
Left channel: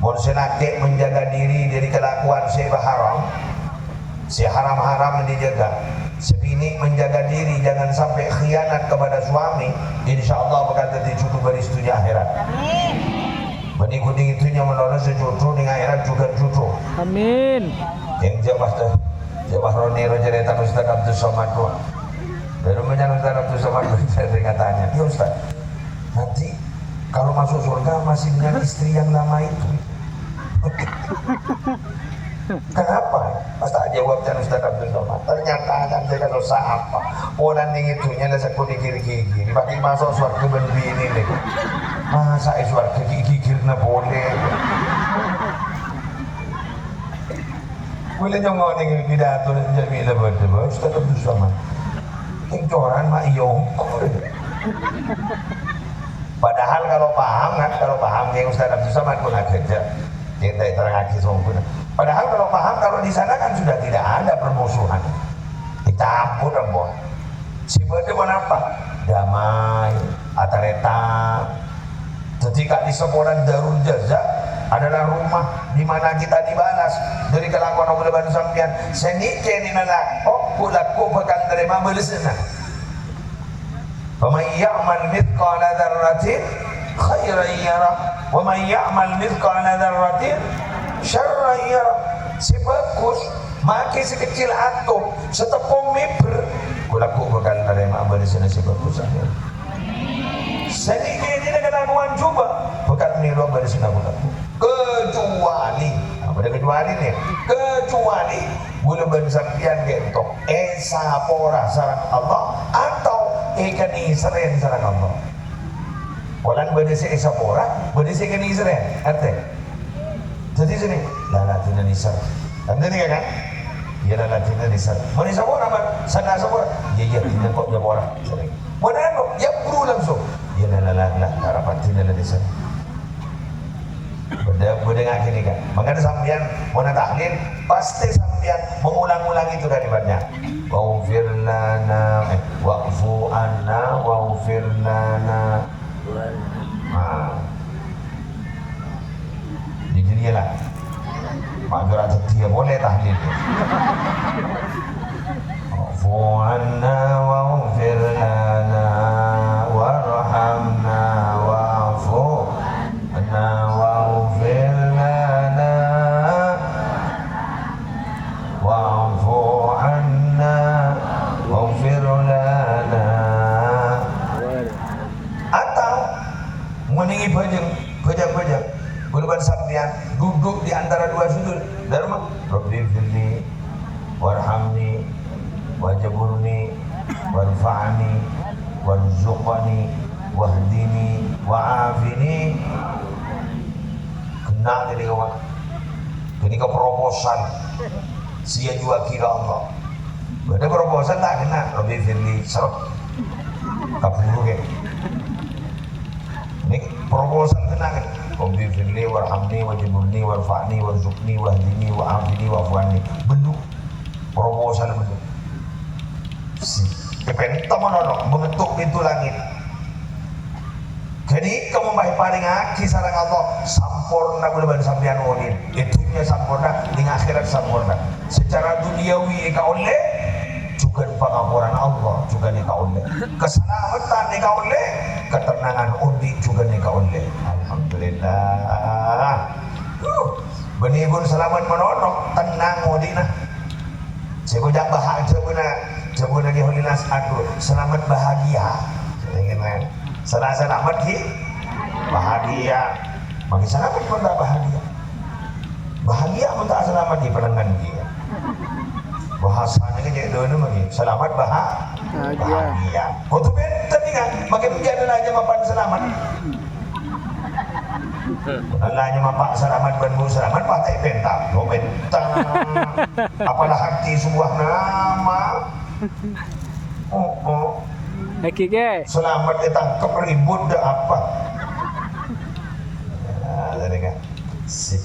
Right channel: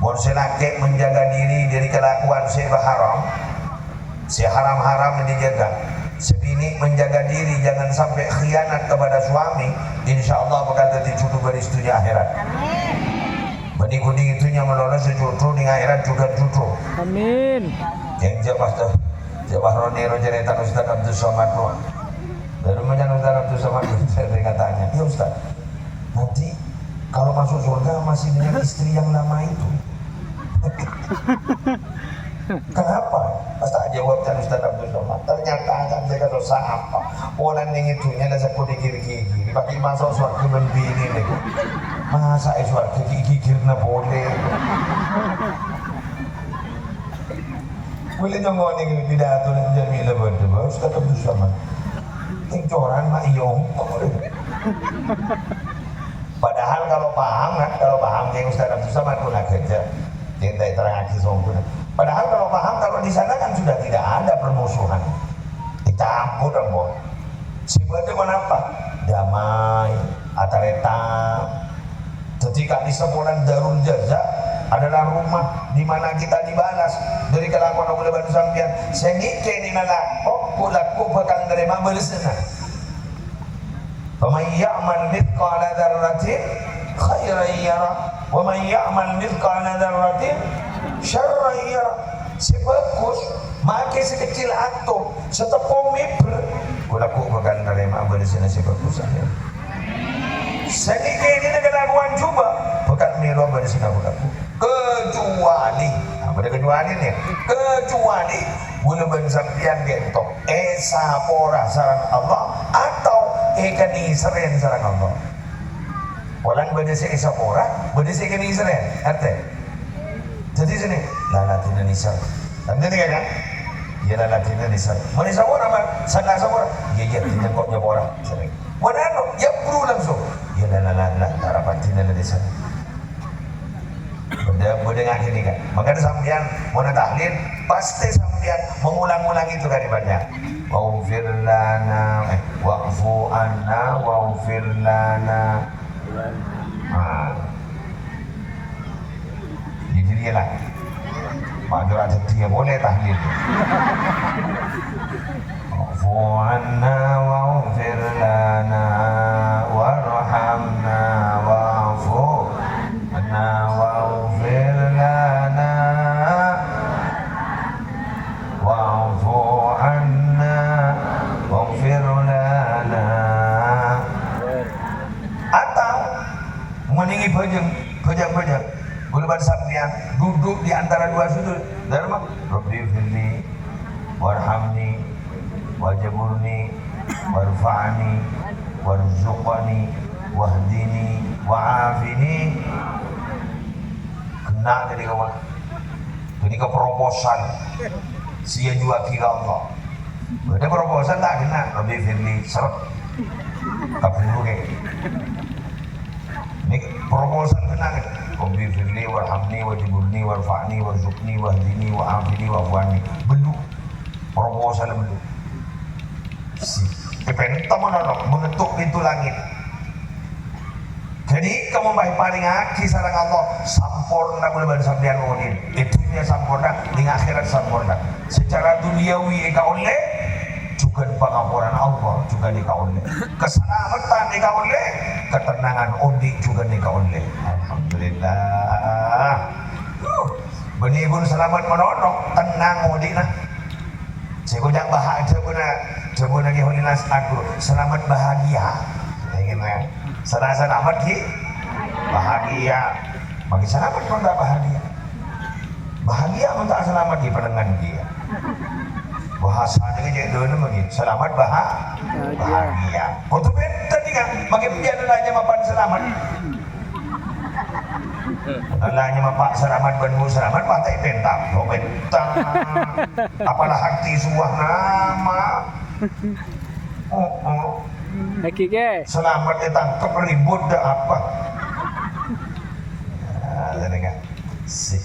Bon selaki menjaga diri dari kelakuan si haram, si haram dijaga. Sebini menjaga diri, jangan sampai khianat kepada suami. Insya Allah bakal jadi jodoh beristunya akhirat. Bani kuding itunya menolong sejodoh di akhirat juga jodoh. Amin. Yang jawab Roni Rojereta Ustaz Abdul Somad doang. Dari rumahnya Ustaz Abdul Somad saya tanya, ya Ustaz, nanti kalau masuk surga masih dengan istri yang lama itu. Kenapa? Pas tak jawabnya Ustaz Abdul Somad. Ternyata saya kata apa? Orang yang itunya lah saya gigi. Bagi masuk surga berbini ini. Masa surga gigi-gigirnya boleh. Boleh nyongok nih pidato dan Jamila berdua Ustaz Abdul Somad. Coran mak iyong. Padahal kalau paham yang Ustaz Abdul Somad pun kerja kita terangkan sempurna. Padahal kalau paham, kalau di sana kan sudah tidak ada permusuhan. Kita ampun dong. Sifatnya apa? Damai, atareta. Ketika di sekolah Darul Jaza adalah rumah di mana kita dibalas dari kelakuan Allah Subhanahu sampian. Senike ni nala kulaku bakal terima balasan. Faman ya'mal mithqala dzarratin khairan yarah wa man ya'mal mithqala dzarratin syarran yarah. Si bagus makai sekecil atom setepung meter kulaku bakal nerima bersih si bagus aja. Sedikit ini kelakuan coba bakal niru bersih kulaku kecuali apa ada kecuali nih kecuali bulu bersampian gentok sapora sarang Allah atau kani seren sarang Allah. Orang berdesi sapora berdesi kani seren arte. Jadi sini lalatina nisar. Anda ni kan? Ya lalatina nisar. Mana sapora man? Sana sapora. Ya tidak kok nyapora. Sering. Mana anu? Ya buru langsung. Ya lalala harapan tina nisar. Berdengar gini kan, makanya sampean mau tahlil pasti sampean mengulang-ulang itu kalimatnya. Waghfir lana wa'fu anna waghfir lana. Jadi dia lah. Pak Jorat dia boleh tahlil. Wa'fu anna waghfir lana warhamna wa'fu anna waghfir lana wa'fu anna waghfir lana. Atau meninggi bajang guluban sampean duduk di antara dua sudut dharma Rabbi firli warhamni wajburni warfa'ni warzuqni wahdini wa'afini. Kena jadi kawan jadi ke proposal sia juga kira Allah ada proposal tak kena Rabbi firli seret tak buru ke ini proposal kena kan Rabbi firli warhamni wajburni warfa'ni warzuqni wahdini wa'afini wa'afani bentuk proposal bentuk si kepentam mengetuk pintu langit. Jadi kamu paling ngaji sarang Allah sampurna gula sampean onin itunya sampurna di akhirat sampurna secara duniawi ika oleh juga di pengampuran Allah juga nika oleh keselamatan nika oleh ketenangan undi juga nika oleh. Alhamdulillah benibun selamat menonok tenang udina saya bahagia Jabun lagi holinas aku selamat bahagia. Gimana? Selamat ki bahagia. Bagi selamat pun tak bahagia. Bahagia pun tak selamat di penangan dia. Bahasanya ni jadi dulu lagi. Selamat bahagia. Kau tu benten ni kan? Bagi penjara hanya mapan selamat. Alanya mapak selamat benmu selamat patai pentang. Kau bentang. Apalah hati sebuah nama. Lagi ke? Selamat ditangkap ribut dah apa? Jadi kan, si,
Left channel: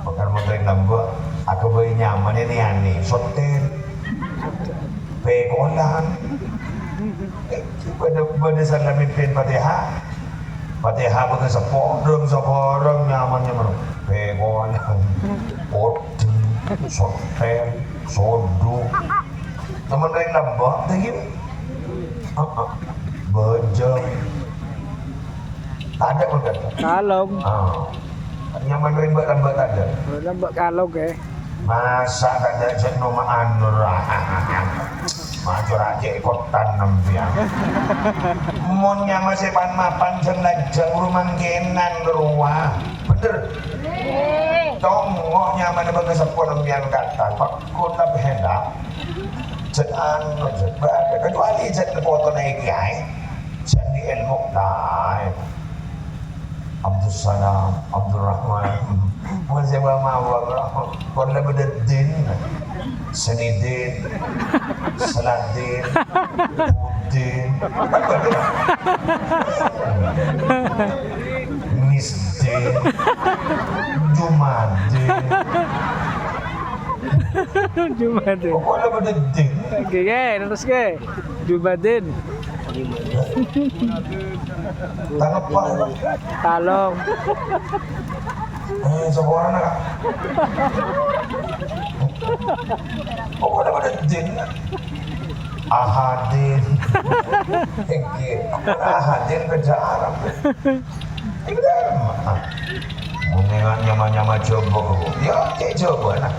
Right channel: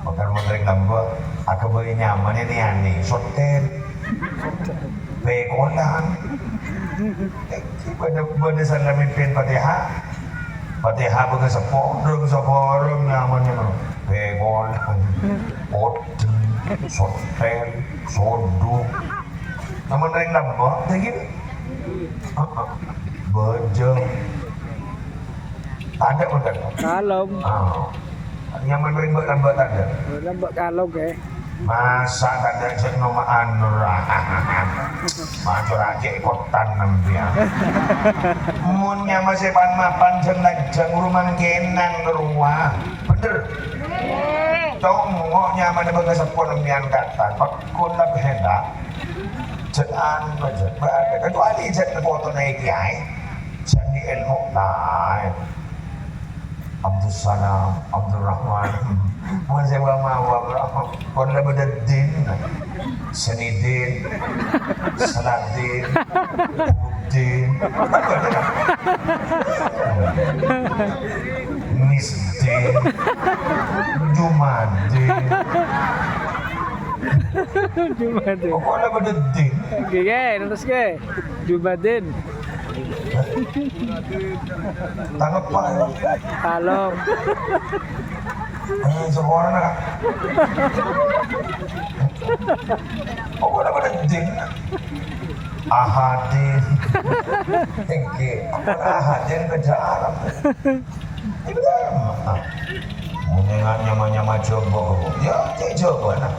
bukan model gambar. Aku beri nyaman ini ani, sotel, pekolan. Pada salam mimpin Fatihah, bukan seporong nyamannya mana? Pekolan, poten, sotel, sodu. Namun dari nambah, dah gini. Bejeng. Tak ada pun kata. Kalong. Yang menuin lambat tak ada. Lambat kalong ke? Masa tak ada jenuh ma'anurahan. Macam cek kotan nampian. Munnya masih pan-mapan jeng rumah kenan keruah. Bener. Tongok nyaman bang sepuluh nampian kata. Pakun lebih hendak. Jangan berada kecuali jangan foto naik kiai jadi ilmu lain Abdul Salam Abdul Rahman Masya Allah Korla berdin Senidin Saladin Udin Misdin Jumadin Jumadin. Korla berdin Oke, terus ke? Jumadin. Tanggap pak Kalong. Seorang nak korla berdin Ahadin. Oke, ahadin kerja Arab. Itu dah. Mengenai nyama-nyama coba. Ya, cek coba nak.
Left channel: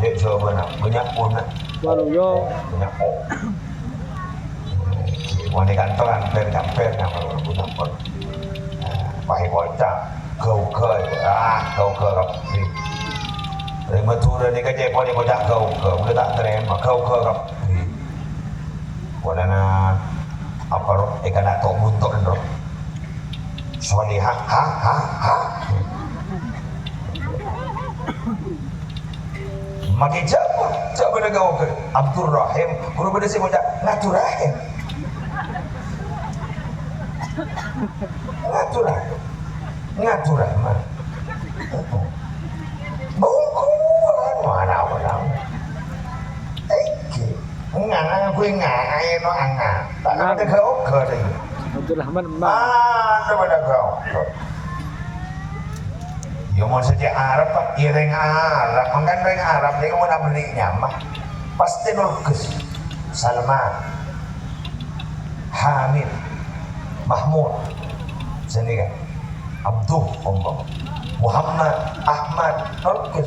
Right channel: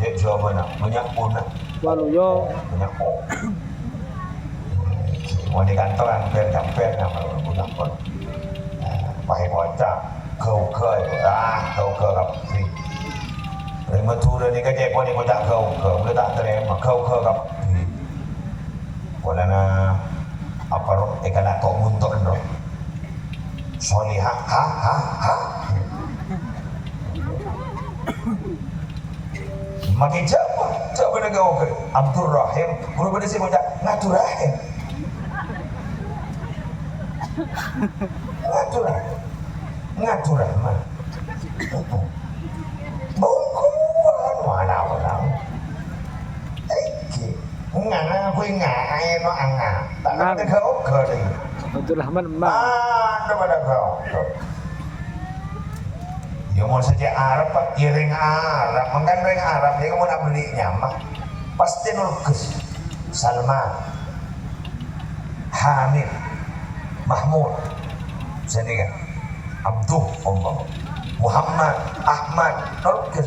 Cek coba nak. Banyak pun nak. Waluyo. Banyak pun. Mau di kantor kamper nak malu budak pun. Pakai bocah. Kau kau si. Terima tu dah ni kerja kau ni bocah kau boleh tak terima kau kap. Boleh na apa roh? Ikan nak tok buntok bro. Sorry ha. Makin siapa nak kau ke? Abdul Rahim. Guru pada si bocah Abdul Rahim. Ngatur Rahman. Bungkuan mana orang? Eki, aku ngai no anga. Tak ada kau ke lagi. Abdul Rahman Mbak. Tak ada kau. Ya mau saja Arab pak, ya dengan Arab, makan dengan Arab dia mau nak beli nyamah, pasti nulkes. Salman, Hamid, Mahmud, sini kan. Abdul Omong Muhammad Ahmad Nurkes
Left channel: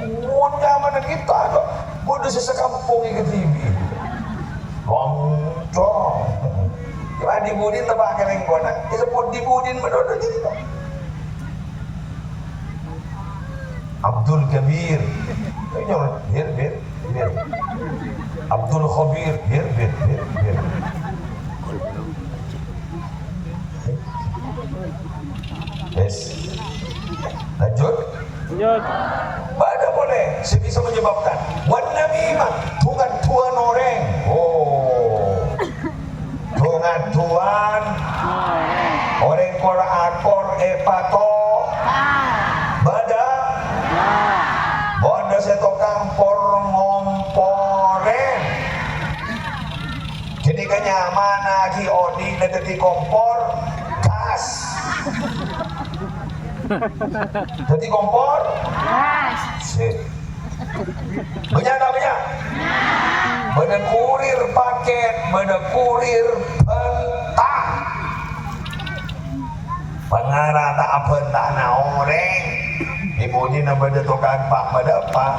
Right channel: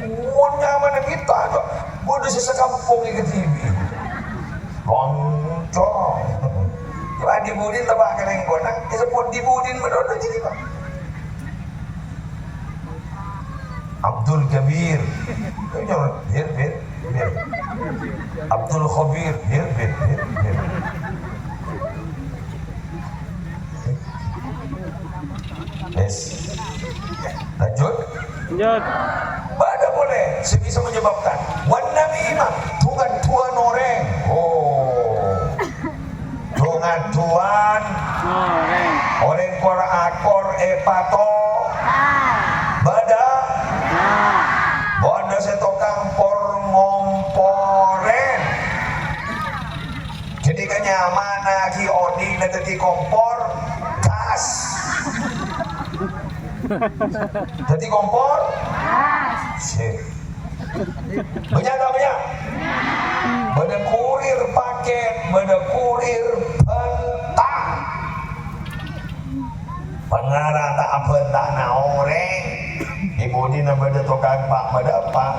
mudah mana kita ada bodoh sesekampung yang ketibi loncong ya dibudin tebak kena kona disebut dibudin berdoa jadi pak Abdul Kabir bir Abdul Khabir bir Yes. Lanjut. Pada boleh sebisa menyebabkan wan namimah tuan orang. Oh. Tuan orang kor epato. Bada. Bondo setokang por ngomporen. Ketika nyaman lagi odi nanti kompor tas. Jadi kompor? Sip. Banyak tak banyak? Benda kurir paket, benda kurir pentang. Pengarah tak apa tak nak orang. Ibu ni nak benda tukang pak benda pak.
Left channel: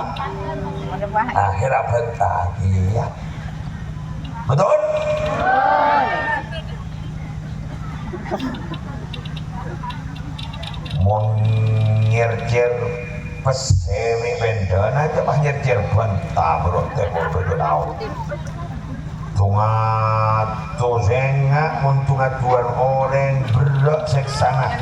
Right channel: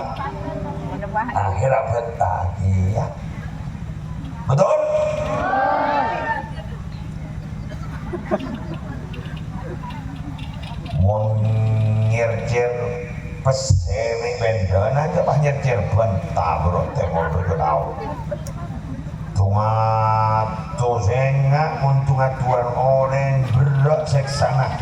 Akhirnya pentang. Iya. Betul? Nyercer pesemi pendana aja mah nyercer bentah bro tebor berau tungat tuzenga untungat tuan orang berak seksana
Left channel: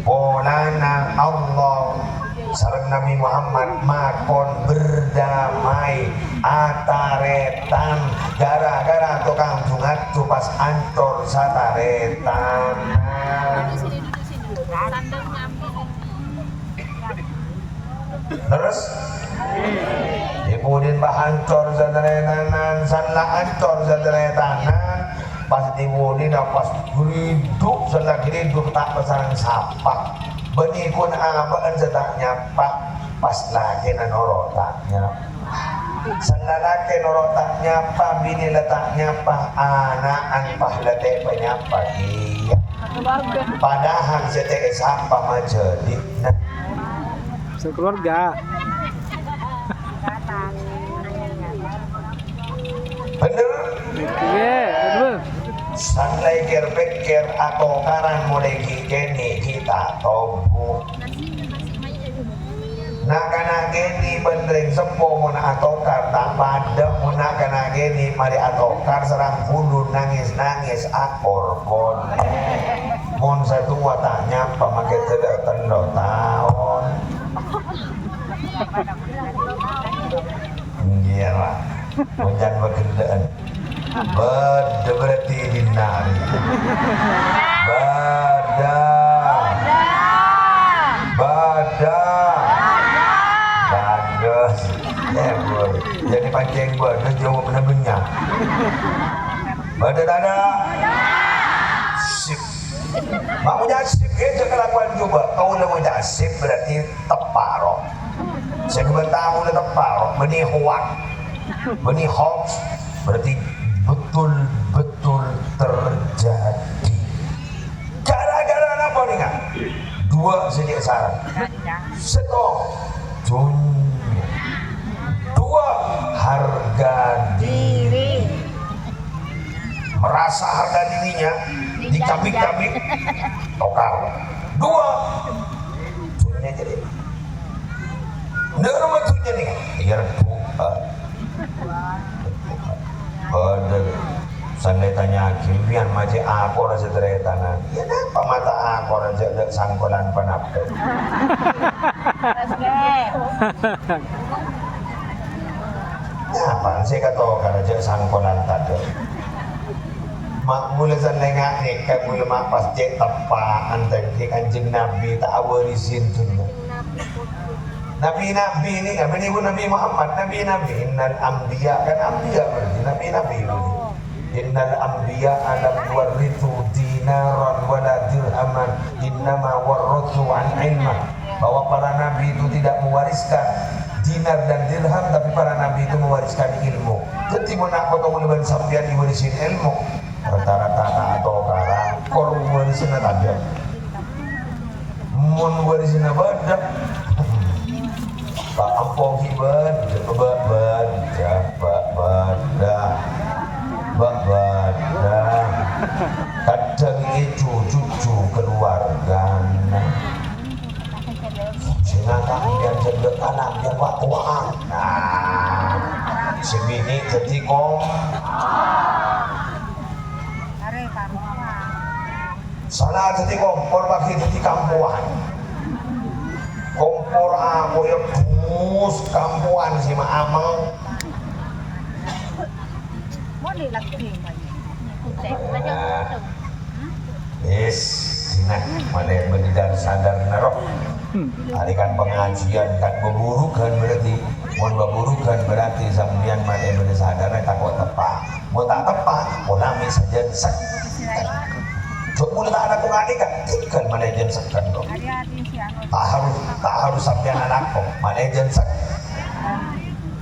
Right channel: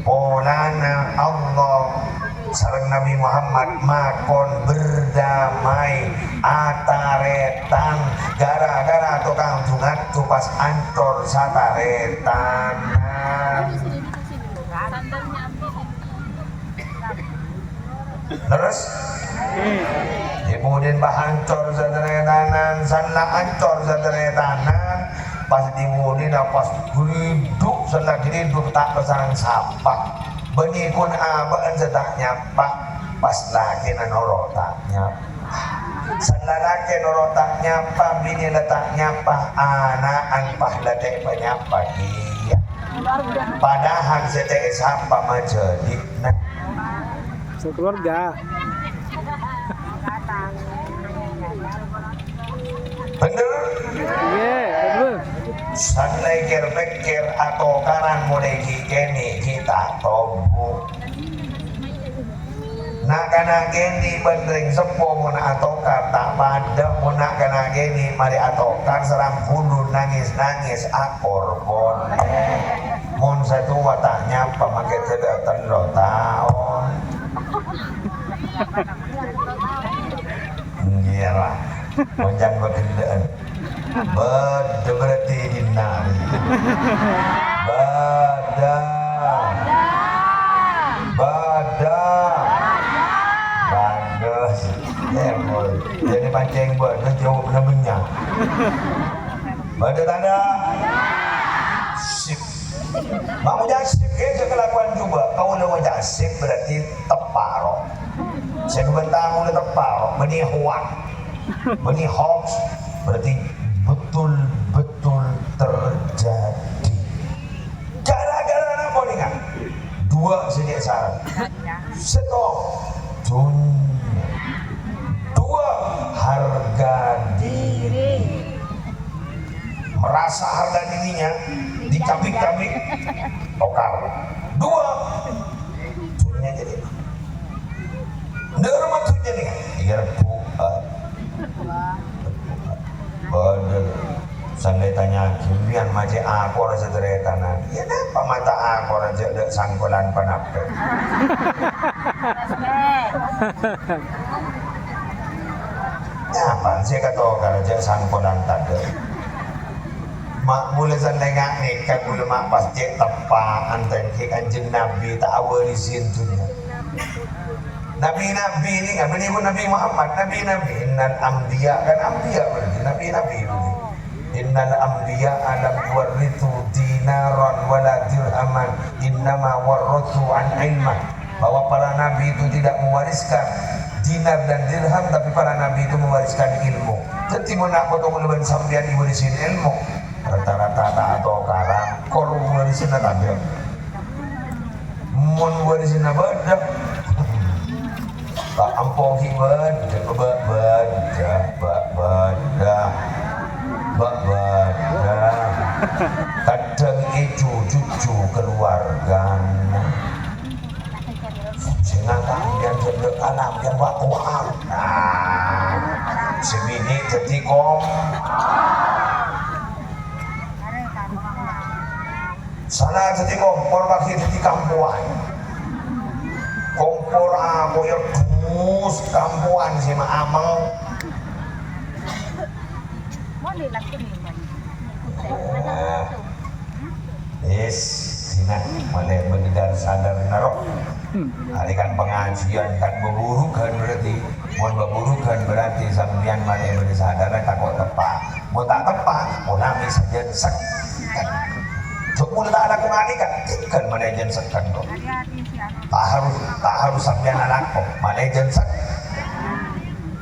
ponana Allah sareng Nabi Muhammad makon berdamai ataretan gara-gara tukang tungat tu pas antor sataretan. Terus Ibudin bahancor zaderetanan sanla ancor zaderetanan pas dibudin pas hidup sanla hidup tak pesarang sapa benyikun abaan setaknya pak pas lagi nanorotaknya sanla lagi norotaknya pak bini letaknya pak anaan pak letek penyapa iya padahal setek sapa majadi sekeluarga. Bener? Iya, betul. Santai pikir atau karan mulai kini kita tobu. Nak kena gini benteng sepo muna atokar tak pada muna kena gini mari atokar serang hundur nangis akor bon. Mun satu watanya pemakai tidak tendo tahun. Iya lah, monjan berkendaan. Berarti dinari. Bagus. Jadi pancing buat jauh benar benyak. Tanda. Sip. Mak punya sip ya kelakuan coba. Kau udah punya sip berarti teparo. Saya kebentang udah teparo. Benih hoax. berarti betul-betul terjadi. Gara-gara apa nih kan? Dua sedikit syarat. Setong dunia. Dua harga diri. Merasa harga dirinya dicabik-cabik, tokar. Dua dunia jadi. Negara matunya nih, biar Bener, sandai tanya kimian maje aku rasa teretana. Ya apa mata aku rasa ada sangkolan panapel. Ya apa sih kata kalau aja sangkolan tadi. Mak mulai sandai ngake kan mulai mak pas cek tepaan tadi kanjeng Nabi tak awal di sintunya. Nabi-nabi ini kan menipu Nabi Muhammad, nabi-nabi innal anbiya kan anbiya berarti nabi-nabi itu. Innal anbiya alam warithu dinaran wala dirhaman innama warathu an ilmah. Bahwa para nabi itu tidak mewariskan dinar dan dirham, tapi para nabi itu mewariskan ilmu. Jadi menak foto mulai sampean diwarisin ilmu. Rata-rata atau karang kor warisin tabiat. Mun warisin badak. Tak ampun badah. Kadang itu cucu keluarga. Senang biar jendek anak biar waktu sebiji jadi kom. Salah jadi kompor bagi jadi kampuan. Kompor aku ya dus kampuan si ma amel. Yes, sini mana menggidar sadar naroh. Hari kan pengajian kan beburukan berarti, mau beburukan berarti sambian mana yang sadar takut tepat. Mau tak tepat, mau nami saja disek. Cuma tak ada kurang kan, ikan mana yang sekan tu. Tak harus sampai anak kok, manajer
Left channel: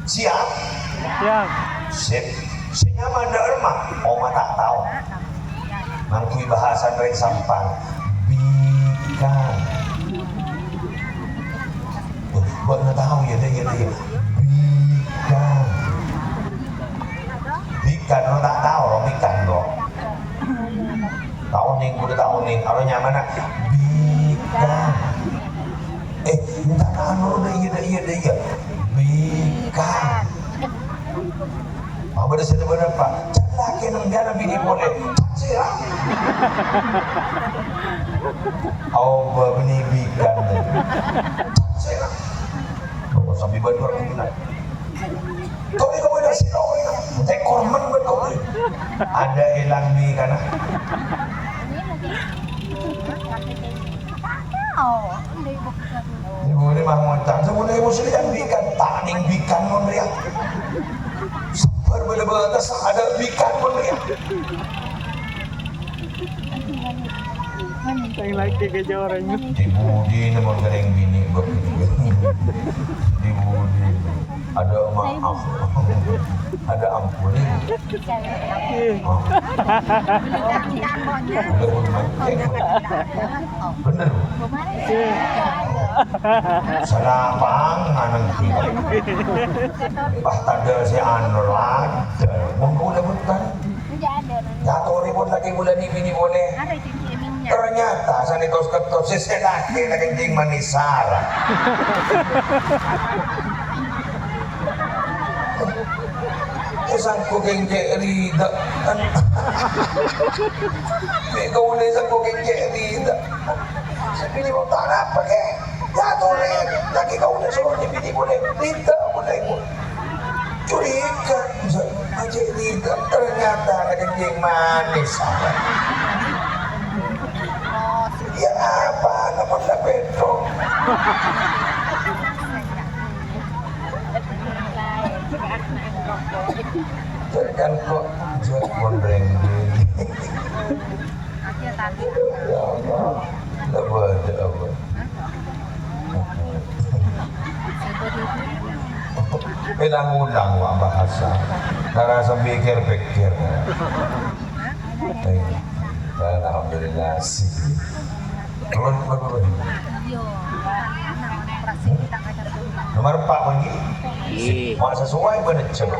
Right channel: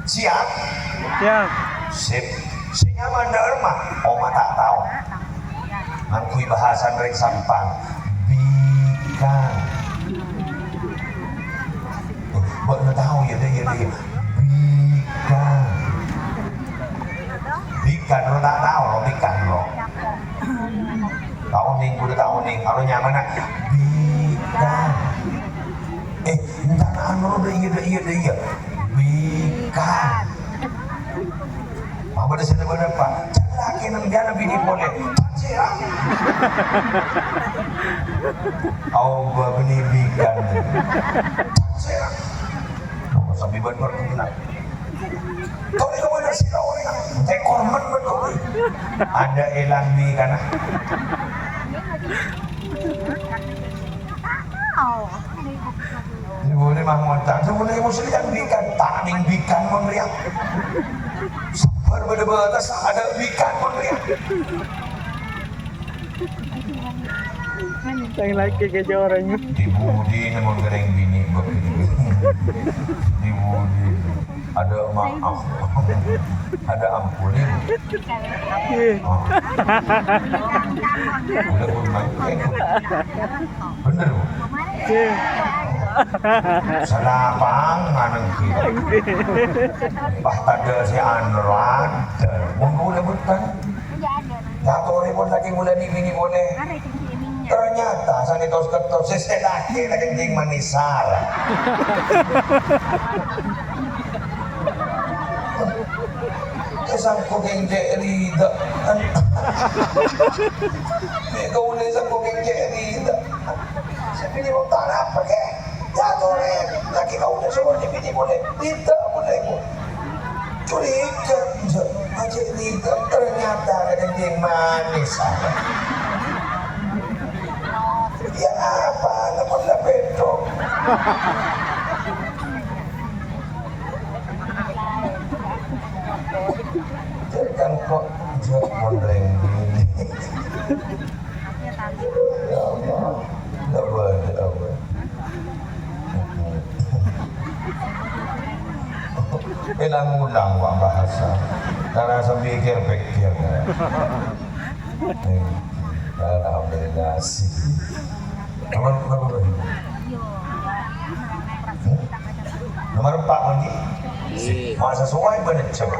siap, sip, senyaman derma, oma tak tahu, ngakui bahasa dari sampang, bikan, buat nggak tahu ya dia, bikan, lo tak tahu lo bikan lo, tahu nih, gue tahu nih, kalau nyaman bikan. Entah anu iya bikan. Apa dia sudah berapa? Laki nang dia lebih boleh. Cia. Au bini bikan. Cia. Oh, sambil berdua kena. Kau ini kepada si tahu ni. Saya korban betul. Ada elang ni kan? Ibu ni mah montang, sebelum ibu sedang bikan, tanding bikan memberiak. Sabar berdebatas, ada bikan memberiak. Yang lagi kerja orangnya. Di budi ni mau goreng bini begini. Di budi ada maaf, ada ampun ibu. Oh. Udah pun main, bener. Senapang maneng kita. Pas tanda si Anwar, menggunakan bukan. Jatuh ribut lagi bulan ini boleh. Ternyata sanitos ketos seselaki lagi kencing manis sarah. Isang kuking jerida. Kau ni isang kuking jerida. Sabi mo tanah pakai. Jatuh lagi kau udah suruh dipilih boleh. Tidak boleh. Curiga. Aja tidak ternyata ada kencing manis sarah. Ya apa namun lah beto. Jangan kok jauh mondreng gini. Ya Allah, tak ada apa. Bilang ulang wak bahasa. Karena pikir-pikir. Alhamdulillah sih. Nomor 4 bunyi. Mak sesuai benar coba.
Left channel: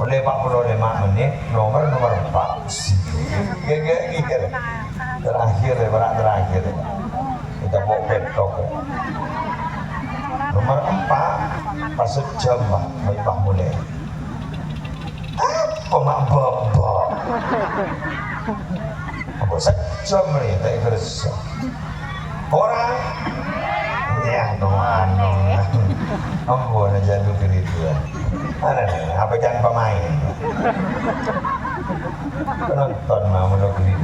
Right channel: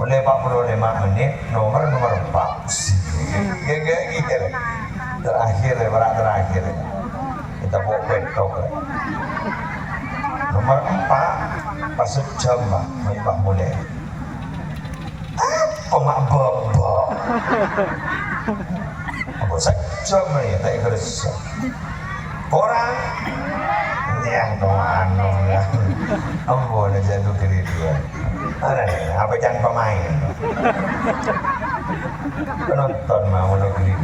Oleh 45 menit nomor 4. Gege. Terakhir. Kita bawa bedok. Nomor 4 pasut jam Pak mulai. Apa mak babak? Apa sejam ya tak kerja. Orang ya doang ya. Ampun aja lu diri dia. Ada nih, apa jangan pemain. Penonton mau negeri.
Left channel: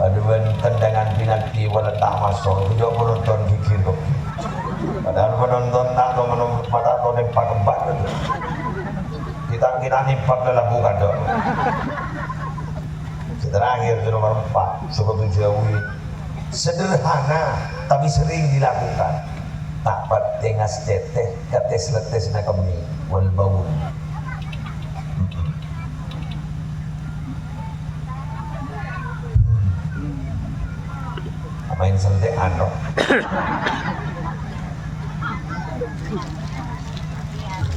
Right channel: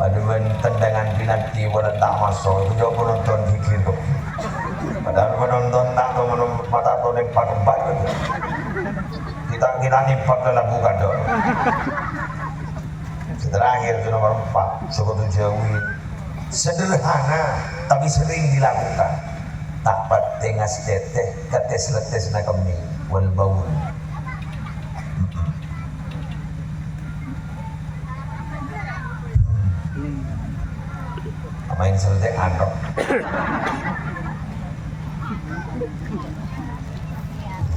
Paduan tendangan penalti pada tak masuk, itu penonton fikir kok. Padahal penonton tak tahu mata tahu nempak empat gitu. Kita nempak dalam bukan dong. Terakhir itu nomor 4 Sokoto Jawi. Sederhana tapi sering dilakukan. Tapat tengas teteh kates letes na kami wal baun. Main selesai ando.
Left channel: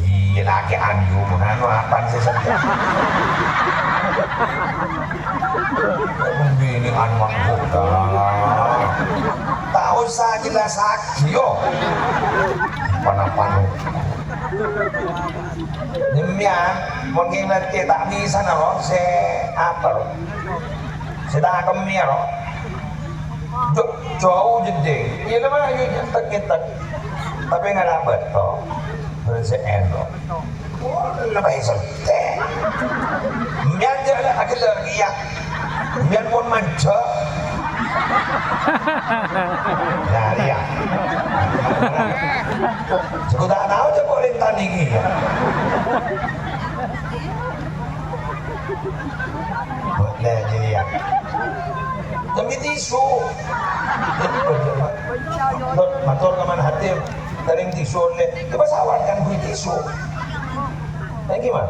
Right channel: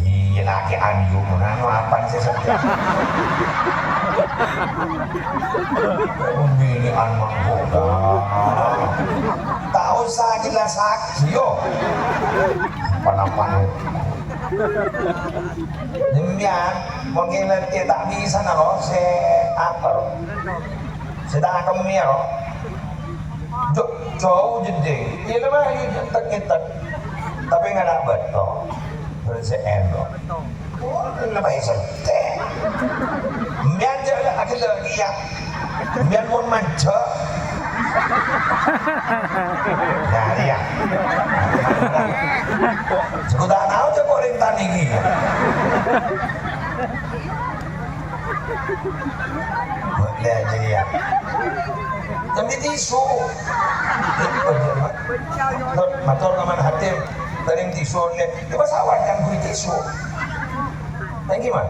Iya lagi anju munano apa sih saja. Ini anak buka. Tak usah jelas yo. Panapanu. Demikian, mungkin nanti tak bisa naro se apa lo. Sedang akan miro. Jauh jeding. Iya lah lagi kita. Tapi nggak dapat toh. Berse endo. Lebih sente. Mian jalan akhir lagi ya. Mian pun manja. Nah ya. Cukup tak tahu cukup rintan ini ya. Boleh jadi ya. Jadi tisu. Matur kaman hati. Taring tisu oleh. Kita sawat kan beri tisu. Nah gimana?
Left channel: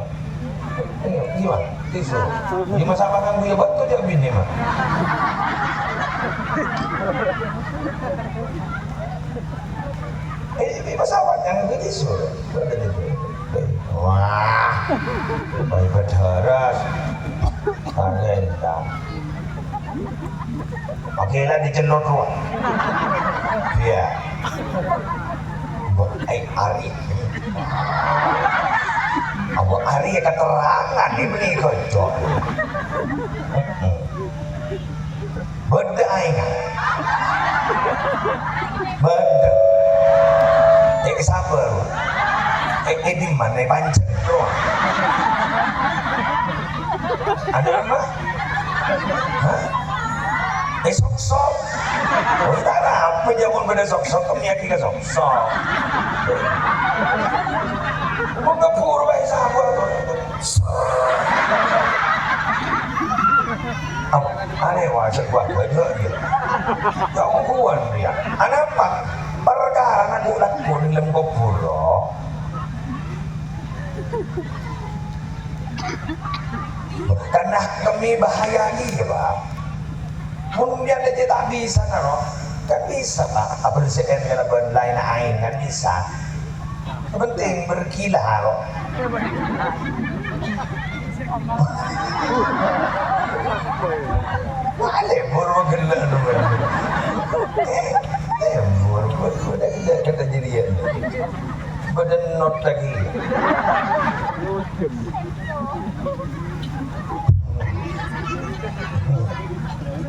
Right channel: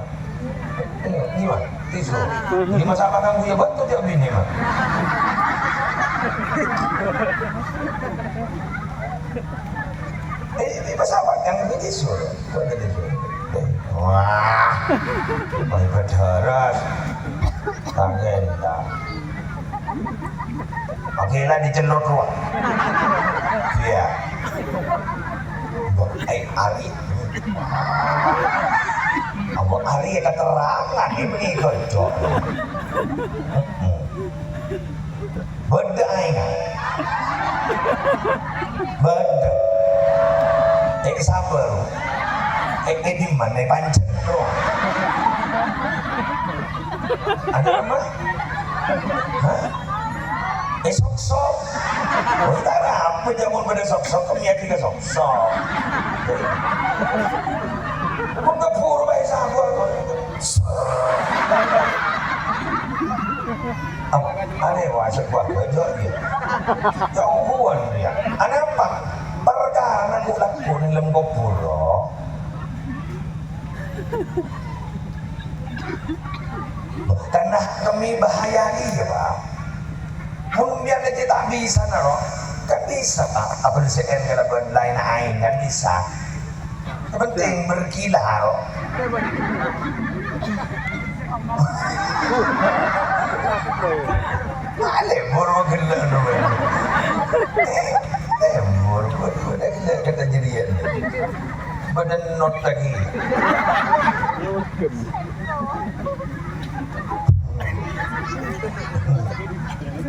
Gimana? Tisu. Gimana sama kan gue betul dia bini mah. Ini pesawat yang itu tisu. Wah, baik berderas. Tangan tak. Oke lah dicelot ruang. Iya. Ari. Abu Ari keterangan ini kocok. Beda ingat. Beda. Sabar. Di mana pancet ruang? Ada apa? Hah? Sok-sok. Oh, tak apa jangan pada sok-sok. Kami akan sok-sok. Kau pura baik sabar. Aneh wajib buat beda dia. Jauhan dia. Aneh apa? Perkara aku lakukan dalam kopuro. Karena kami bahaya dia, Pak. Kemudian dia tak bisa, no? Kan bisa, Pak. Apa CN kalau lain ain kan bisa. Yang penting berkilar. Lembur gila dulu. Lembur gila kata jadian. Badan not lagi.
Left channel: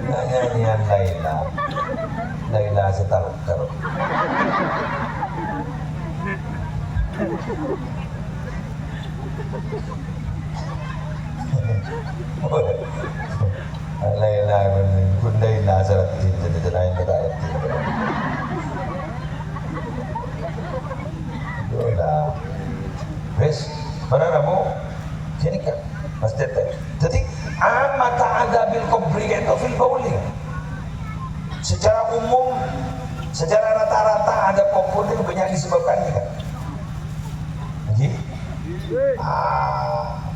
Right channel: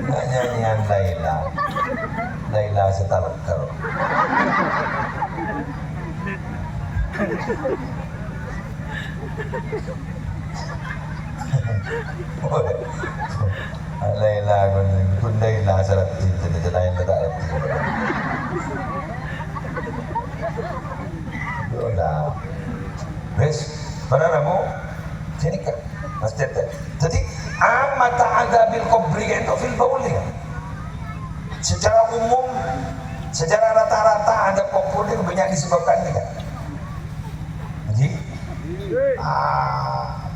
Nyanyian Laila setar-tar. Laila kun Laila sarat cinta lain kata ayat. Yolah. Wes, para ramu sini kan. Pasti teh. Jadi amat adabil kubri itu fil bauli. Secara umum, secara rata-rata ada kubur itu banyak disebabkan kan. Jadi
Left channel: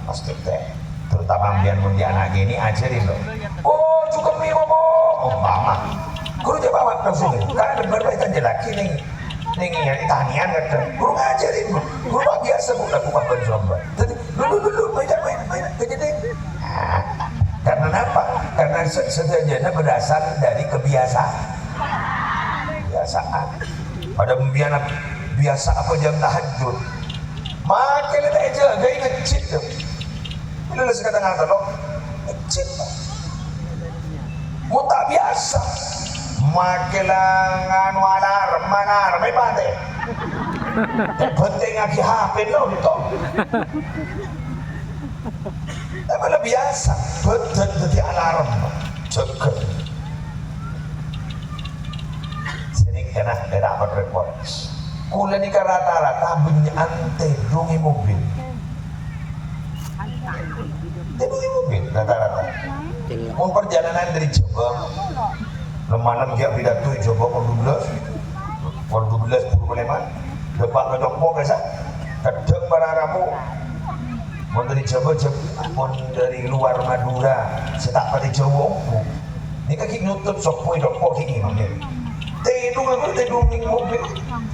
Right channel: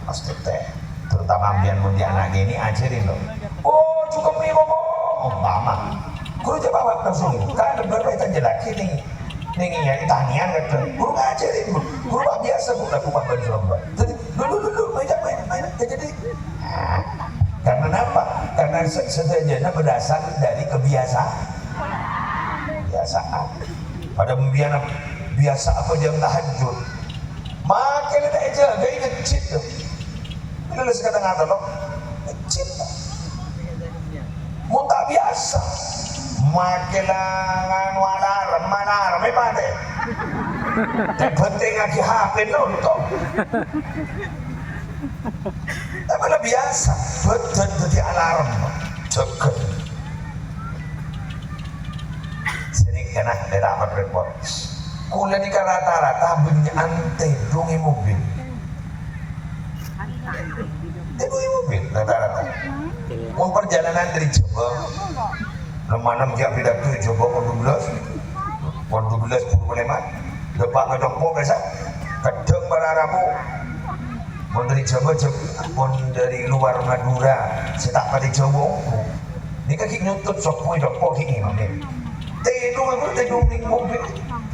pasti teh terutama ambian mundi anak gini ajarin loh. Oh cukup nih ngomong umpama guru jawab langsung kan bener itu jelaki nih nyari tanian kan guru ngajarin guru biasa guru lakukan berjuang jadi dulu main jadi karena apa? Karena sederhana berasal dari kebiasaan. Pada biasa apa jam tahajud maka kita aja gak ngecit tuh bila sekata-kata lo ngecit mau tak biasa makelang alarm may pate tak penting lagi HP nonton tapi lah biasa betul jadi alarm ceket sini kena dapat report kula ni rata-rata ante dungi mobil rata-rata mau perjalanan dari Jawa lemana mungkin pidato Jawa pon 12 puluh leman depan ngejokpo biasa kadang berarabu mau dari Jawa mau dari luar Madura setak pada Jawa ini kaki nyutup sopoi dokpo kini namanya tedung ning mobil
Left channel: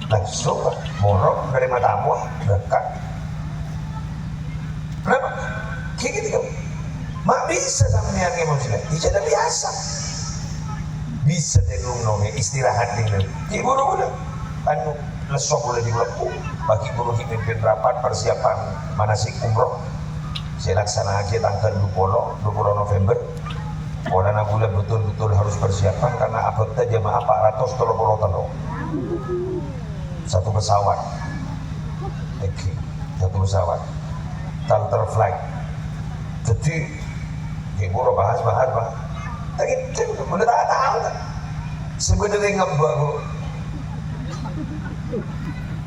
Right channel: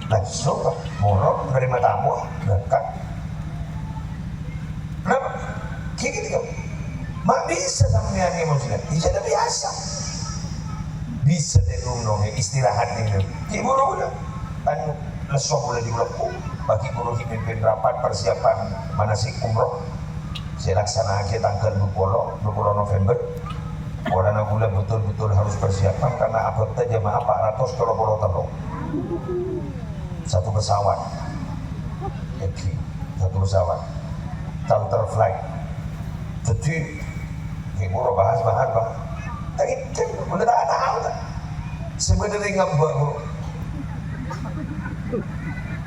langsung morok dari matamu dekat kenapa? Kayak gitu kan mak bisa sampean emosional tidak biasa bisa tedung istirahat dengan ki buru udah kan lesok boleh dilepu bagi buru mimpin rapat persiapan manasik umroh saya laksana aja tanggal 20 November Orang gula betul-betul harus persiapan karena abotnya jamaah 400 kalau satu pesawat, charter flight. Jadi, ibu bahas. Tapi udah tak tahu tak. Sebenarnya ngambek.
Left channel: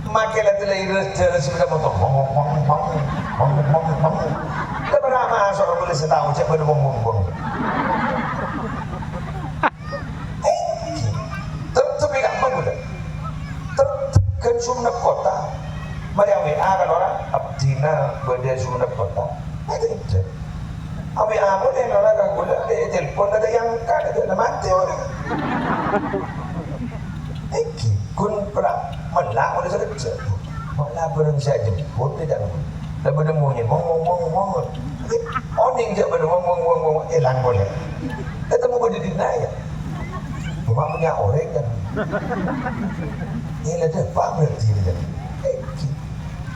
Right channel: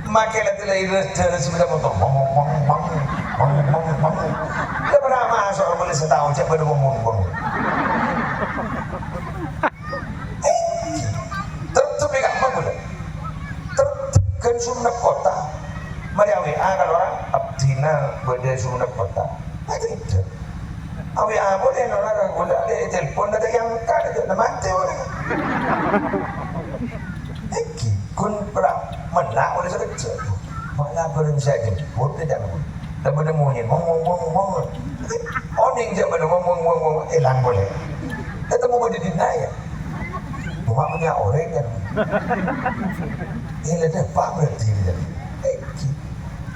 Makai lagi jalan sepeda motor, bang. Kita pernah masuk boleh setahun cek pada bong. Tertutup ikan apa kan Sumenep kota. Mari WA kan orang abdina berdaya Sumenep kota. Ada itu. WA boleh orang gula ada telepon ada yang kan ada mati orang. Kun pernah menang oleh sekerja. Malah berani saya jemput dia jangan. Dah benda mungkin ngomong. Oning je benda ngomong elang boleh. Ketemu benda dinaya. Cuma punya orang kan. Ini ada apa berarti dia?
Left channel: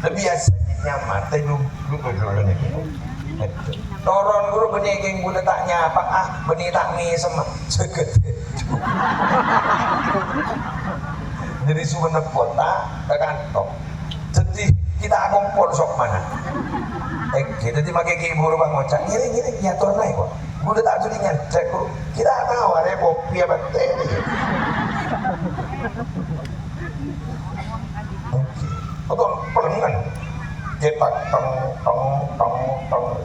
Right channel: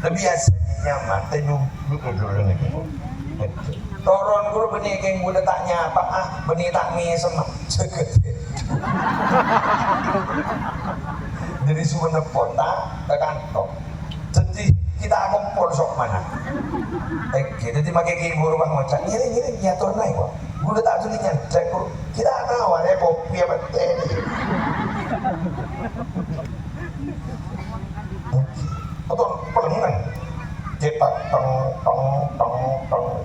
Lebih asal nyaman. Tengok ni. Toron guru benih geng gula tak nyapa benih tak mi sama seget. Dari Sumenep kota ke kantong. Jadi kita ngumpul sok mana? Jadi pakai kibur bang ngocak. Ini nyator naik kok. Gula tak jadi nyacak guru. Kita tahu ada kopi apa teh. Betul pelengan. Kita tong.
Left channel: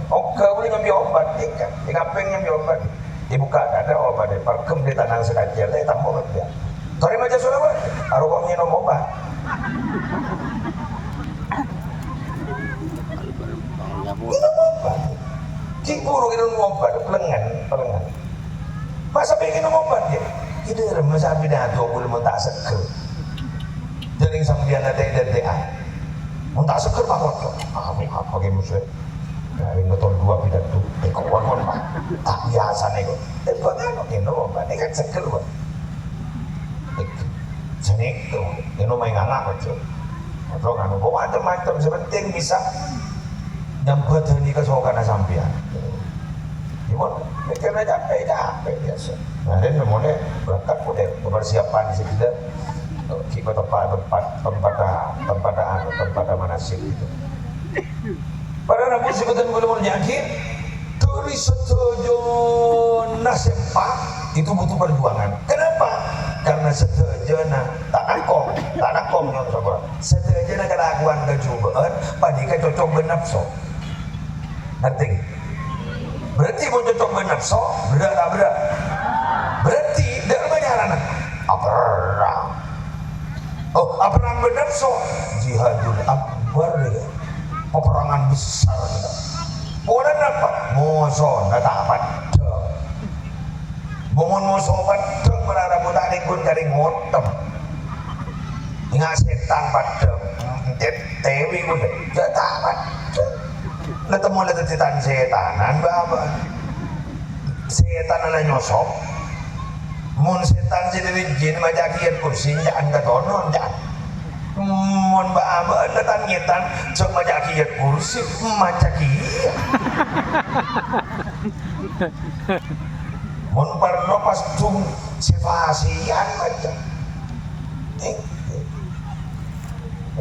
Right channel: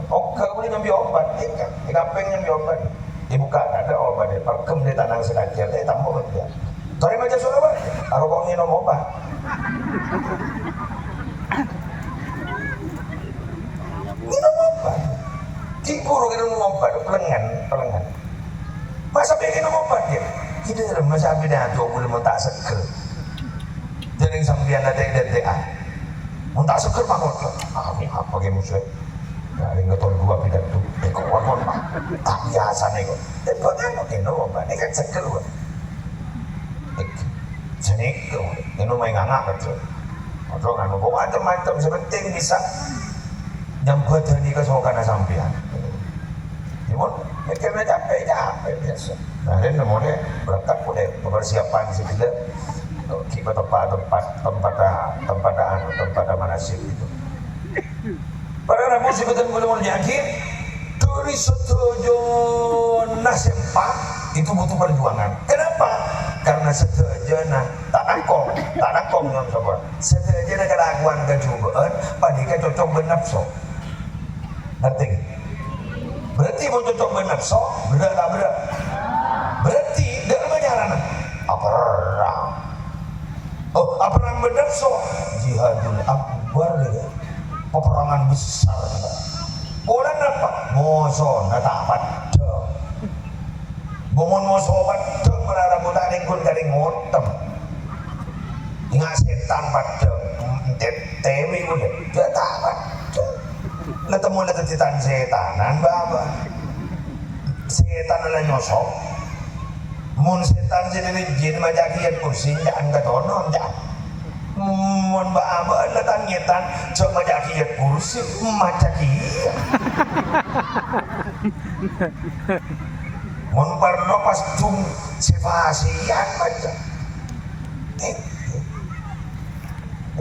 Oke boleh nyambi obat. Ikan peng nyambi obat. Dibuka ada obat deh. Parkem di tanah sekajal. Tapi tak mau dia. Tarik macam Surabaya, aru kok minum obat. Minum obat. Ciburu minum obat, pelengan. Masa pengen minum obat dia? Kita masa pidato boleh mau tak seger. Jadi sambian ada DTA. Mau tak seger bangun. Apa kayak musuh? Dari ngetol dua pidato. Kawan pak. Tak biasa nih kok. Tapi kok minum obat? Ini kan seger kok. Jadi itu main ngangak kecil atau kan macam-macam sepenting bisa nyambut ini kesokan sampean cuma mikirnya capek biasa nah ini namanya berangkat boleh persiapan sedikit kita tempat manasik itu para nabi sebetulnya belum yakin dari setuju nasempa itu butuh perjuangan. Kenapa? Karena sedejana tak nakong yang coba. Sedejana keraguan kecubaan, padika cocok benapso. Ngerti? Berarti mau cocok benapso, berat. Berarti dalam banyaran perang. Perang benapso, jihadul akbar deh. Peperangan besar kita. moso kata apa dong bumun moso padeng merara budak lingkun kali ngotem ingat setan padeng tewi udah kata apa dong ketemu letitan setanan baba setan ala nyosop mun setan jadi jin majakian kursi jangan ketonon jangan mun baba letan nyetan cok majakian kursi majakian mun perno pas cung sifasian macam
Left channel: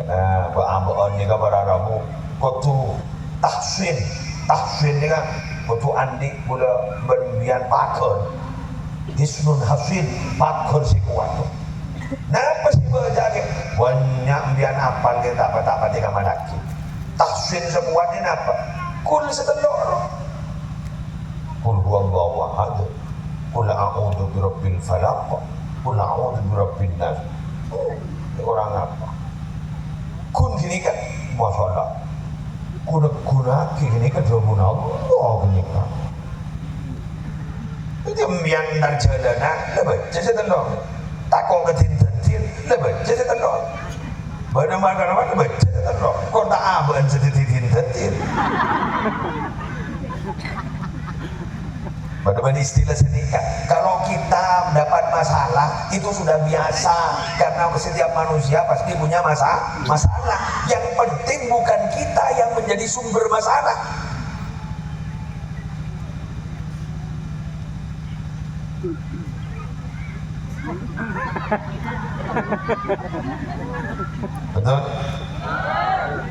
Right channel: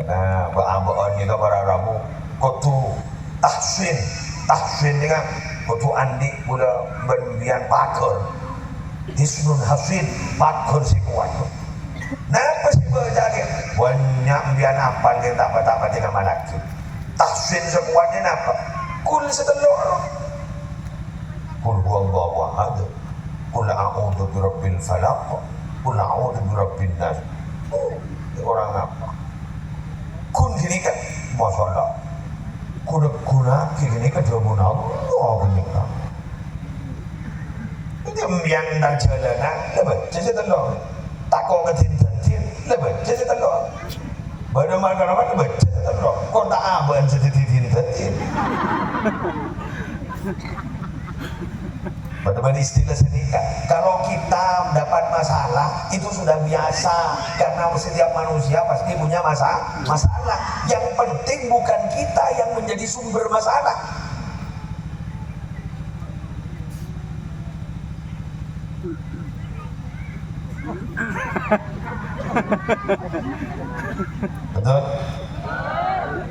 nah baba ni ka para rabu kotu tahsin dengan kotu andi mula berbian pakar hisnun hafid pakar si kuat napa sih berjaga banyak bian apal kita apa-apa tiga malaki tahsin sekuatnya apa kul setelur kul huwallahu ahad kul a'udzu birabbil falaq kul a'udzu birabbin nas orang apa kun gini kan masalah guna gini kan dua guna Allah punya itu yang dar jalanan lebat jadi tendang takut ketintin lebat jadi tendang benar-benar lebat jadi tendang kau tak aban jadi tintin benar-benar istilah senika kalau kita mendapat masalah itu sudah biasa karena setiap manusia pasti punya masalah yang penting bukan kita yang menjadi sumber masalah betul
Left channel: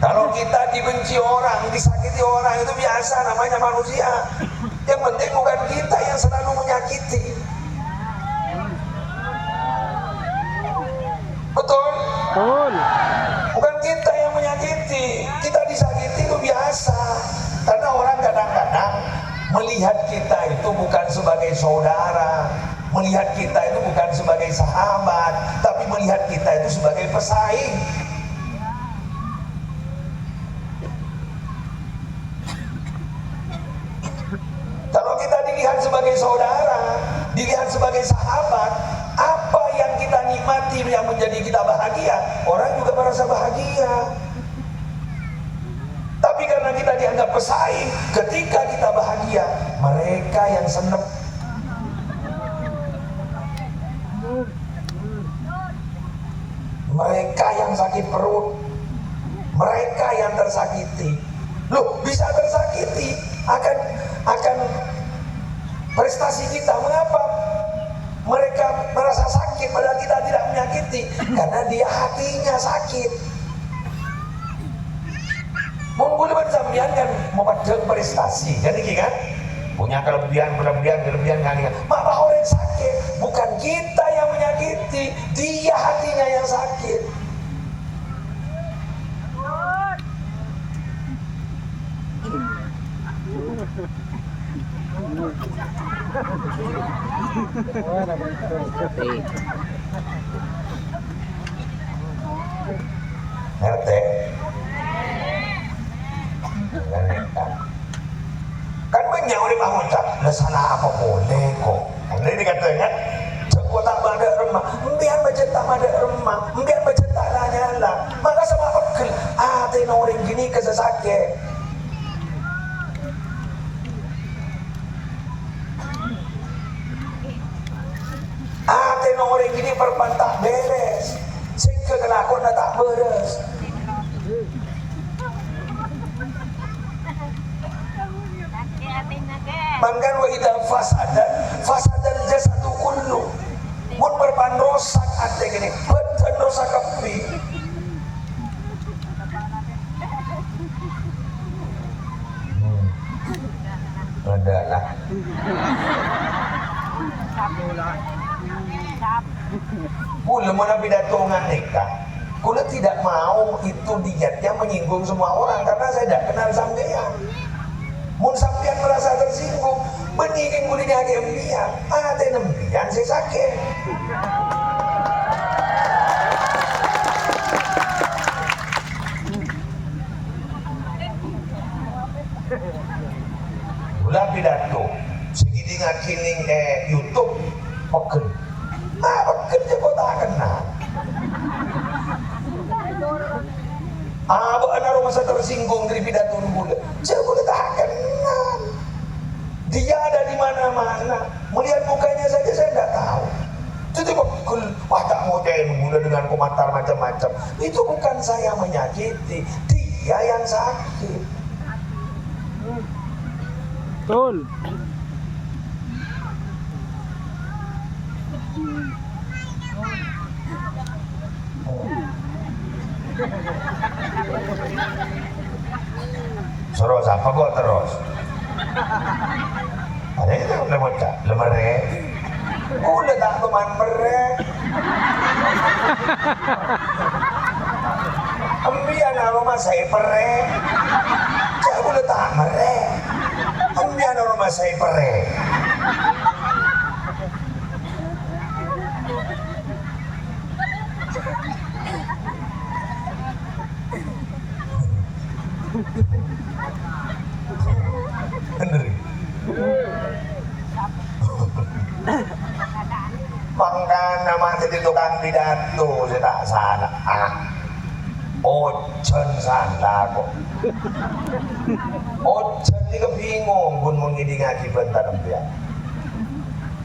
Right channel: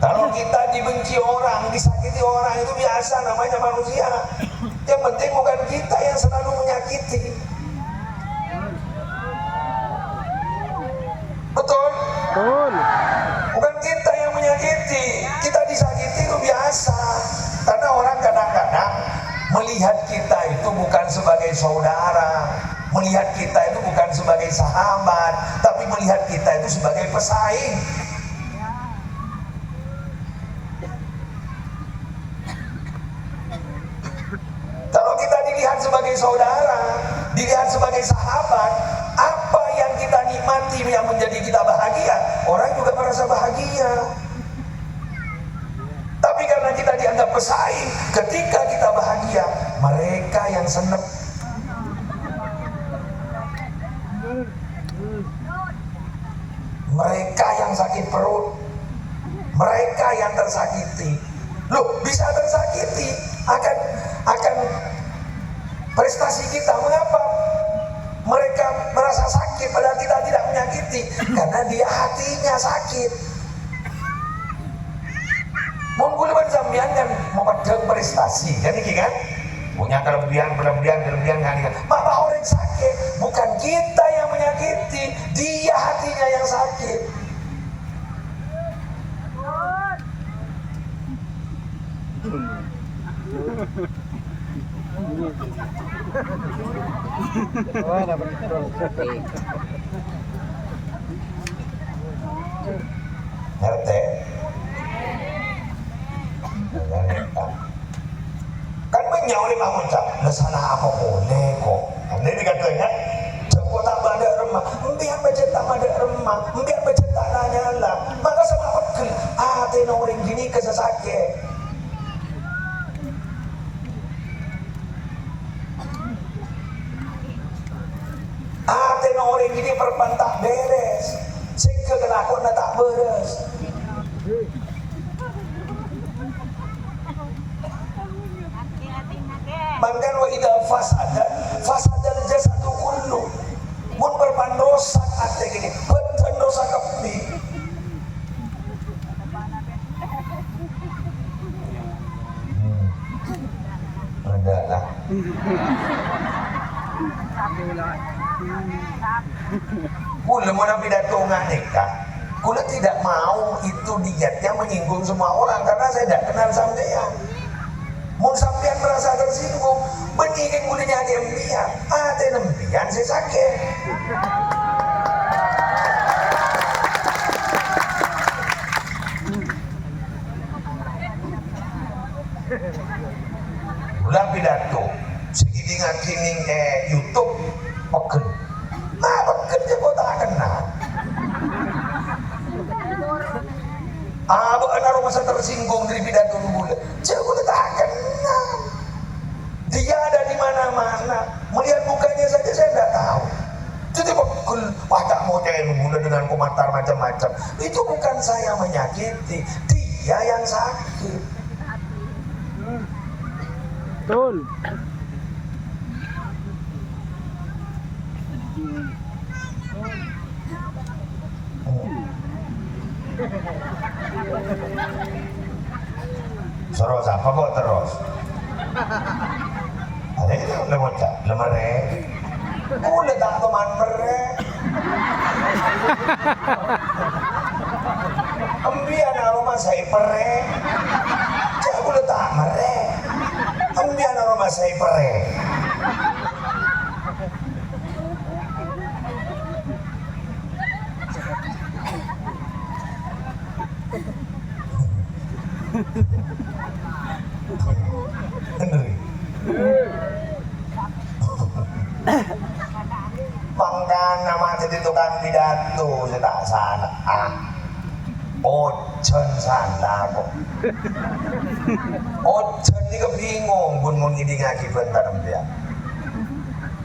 kalau kita dibenci orang disakiti orang itu biasa namanya manusia yang penting bukan kita yang selalu menyakiti betul bukan kita yang menyakiti kita disakiti itu biasa karena orang kadang-kadang melihat kita itu bukan sebagai saudara melihat kita itu bukan sebagai sahabat tapi melihat kita itu sebagai pesaing kalau kita dilihat sebagai saudara dilihat sebagai sahabat apa yang kita nikmati yang menjadi kita bahagia orang juga merasa bahagia tapi karena kita dianggap pesaing ketika kita bahagia mereka yang seneng mereka yang sakit perut mereka yang tersakiti loh bisa tersakiti akan prestasi kita mengapa mereka merasa sakit padahal kita tidak menyakiti karena dia hatinya sakit mungkin sampean kan mau pedang prestasi kan ini kan punya kelebihan kan maka orang sakit bukan kita yang menyakiti dia hatinya yang sakit ngerti kan menyauri bangun tak salah apa boleh kok ini dikatakan cekot tak ada remah biar bercetak ada remah biar bercetak lah nyala maka sama pegel ada orang gini kesesake ada orang gini perpantah beres sehingga kelakon tak beres mangkan wa idza fasadal jasadu kullu mun berpandosak ate gini betul dosa kapi adalah kula mau pidato nganika kula tidak mau itu dietnya menyinggung semua orang karena saya tidak kenal sampean mun sampean merasa tersinggung beningin mulanya dia ada nembian saya sakit Kula dengan komentar macam-macam. Itu bukan saya menyakiti, dia yang sakit. Betul. Terus apa kok terus? Ada itu lemocak, lemere. Udah tak teman mere. Ambian rumah saya pere. Saya udah tak mere. Ambian rumah saya pere. Bener. Pangkan nama jadi tukang pidato saya tak salah. Ojen salah kok. Ojen juga bingung pun mengidi ngaji bentar dia.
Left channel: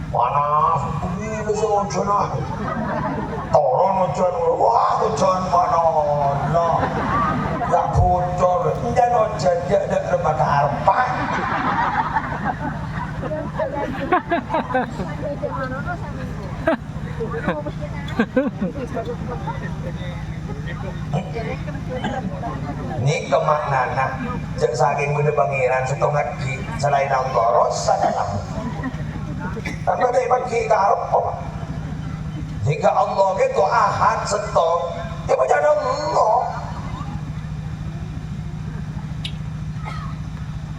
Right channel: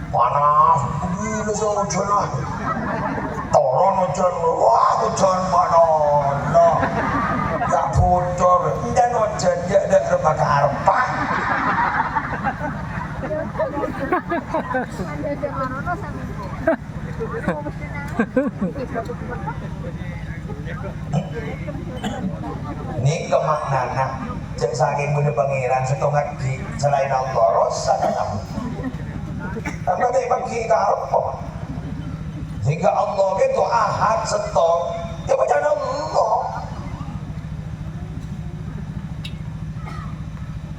Panas, begini ojen lah. Toron ojen, wah ojen panas. Gak bocor, dan ojen dia ada rebaka arpa. Ini kemaknana cek saking bunda pangeran setengah ki selain Allah rosa kan kamu karena dia bagi karpo jika Allah itu ahad setok dia baca Allah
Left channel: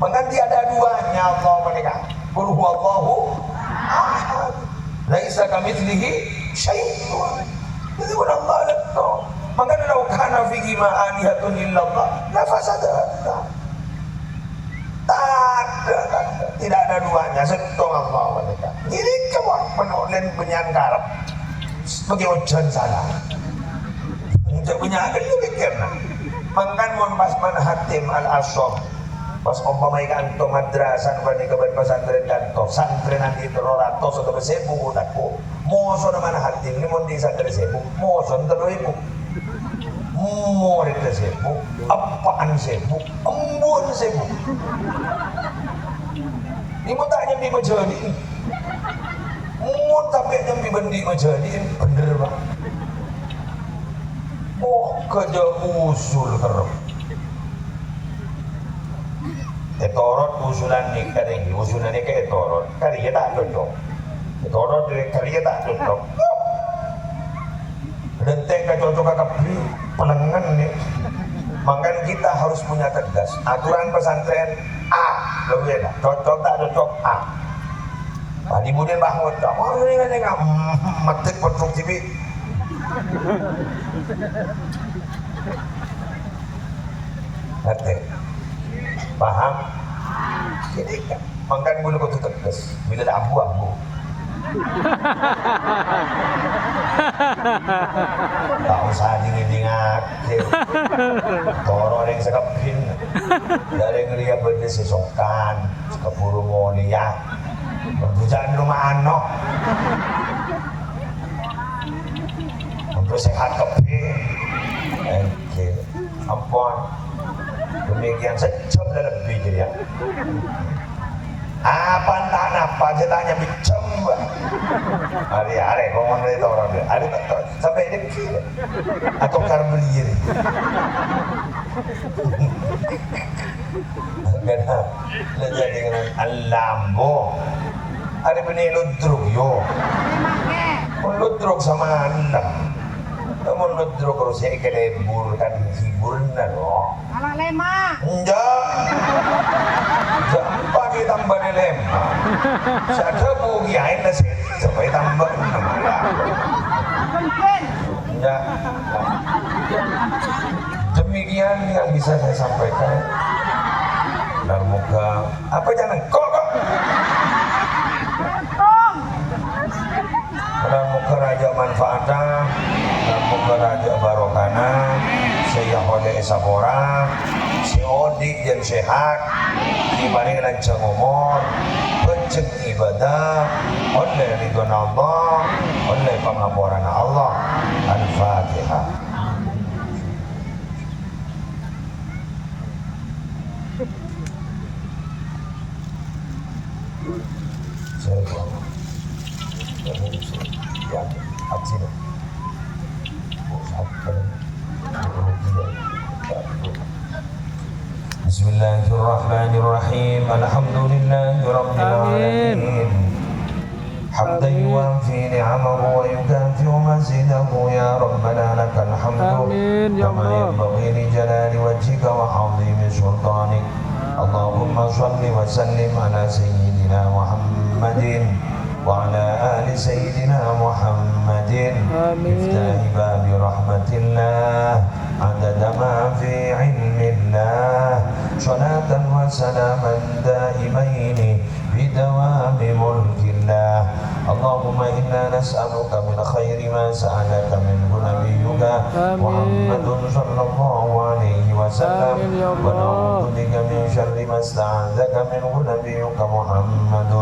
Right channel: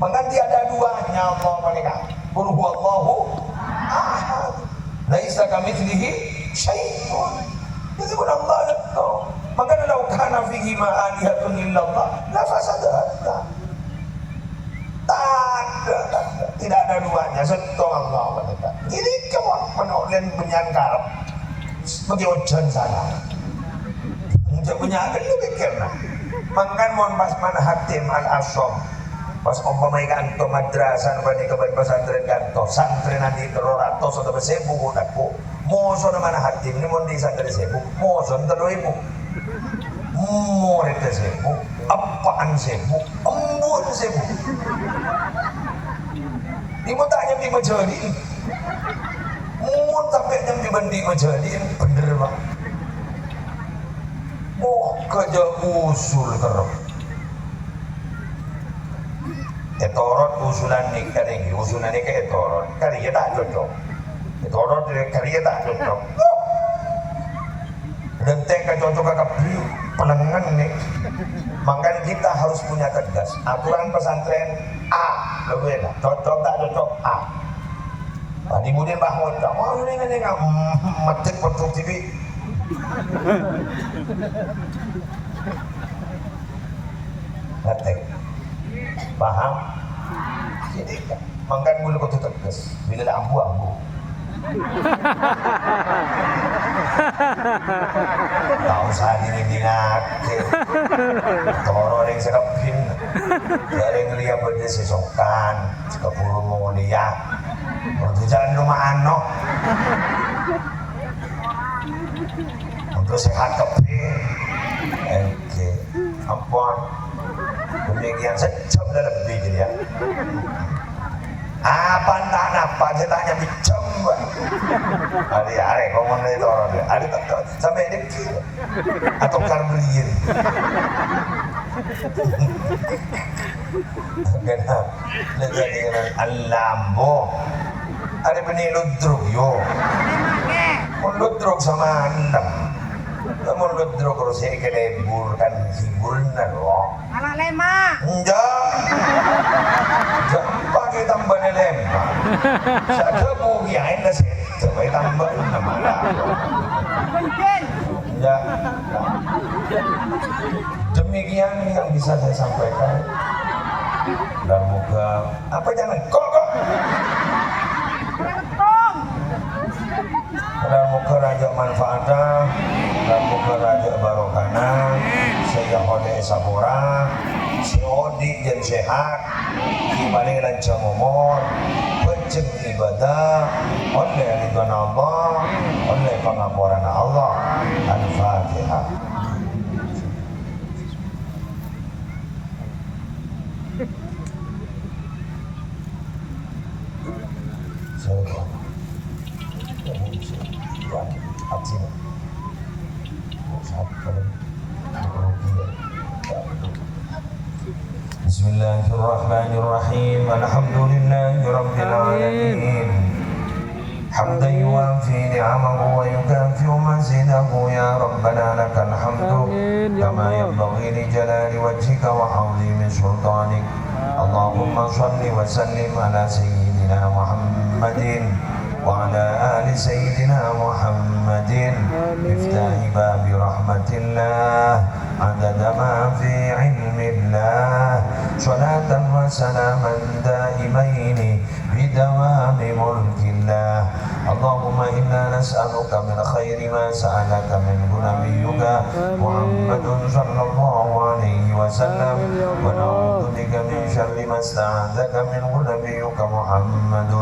mengganti ada duanya Allah menikah qul huwallahu ahad laisa kamitslihi syai'un jadi pun Allah itu makanya lau kana fihi ma'alihatun illallah la fasadata tidak ada duanya setong Allah menikah jadi kamu penulen penyankarap sebagai ojan sana tidak punya akan lu pikir nah makan mohon pas mana hatim al-asyam pas umpamai kanto madrasan pada kebat pesantren kanto santren nanti teroratos atau bersebu budakku moso mana hatim ini mau di santren sebu moso teroibu murid sebu apaan sebu embun sebu ini mau tanya di majadi mau tapi yang dibandi majadi bener pak kerja usul kerap etorot usulan nikah ini usulan nikah etorot kali ya tak cocok etorot kali ya tak cocok dan teka cocok kakak penengan nih makanya kita harus punya tegas aturan pesantren A lebih enak cocok tak cocok A nah kemudian bahwa oh ini nggak metik produktif ngerti paham jadi kan makan bulu kutu tegas bila ada abu-abu tak usah dingin-dingin toro yang sekepin dari ngeliat berde sesokan keburu mau lihat untuk jalan rumah ano untuk sehat kepin oke ampun demikian sejam dan lebih jadi ya apa entah apa saya tanya bicem hari-hari ngomong dari orang dia ada sampai dekil atau karbeliin karena lihat dengan alambo ada peniludruk yo ludruk sama andam ludruk harus ya kelebur kan hiburnya loh anak lema enggak pakai tambahnya lema saya kebugiain dah sih sampai tambah nama mungkin enggak demikian yang bisa saya sampaikan dan moga apa jangan kok dan moga raja manfaatnya dan moga raja barokana saya oleh sabora si Odi dan sehat di paling lancang umur lajeng ibadah oleh ridwan Allah, oleh pangapuran Allah. Al-Fatihah. Bismillahirrahmanirrahim. Alhamdulillahi rabbil alamin. حمدا يوافي نعمه ويكافئ مزيده يا ربنا لك الحمد آمين يا كما الله. ينبغي لجلال وجهك وعظيم سلطانك. اللهم صل وسلم على سيدنا محمد وعلى آل سيدنا محمد. مفتاح باب رحمة الله عدد ما في علم الله. صلاة وسلاما دائمين بدوام ملك الله. اللهم إنا نسألك من خير ما سألك منه نبيك محمد صلى الله عليه وسلم، ونعوذ بك من شر ما استعاذك منه نبيك محمد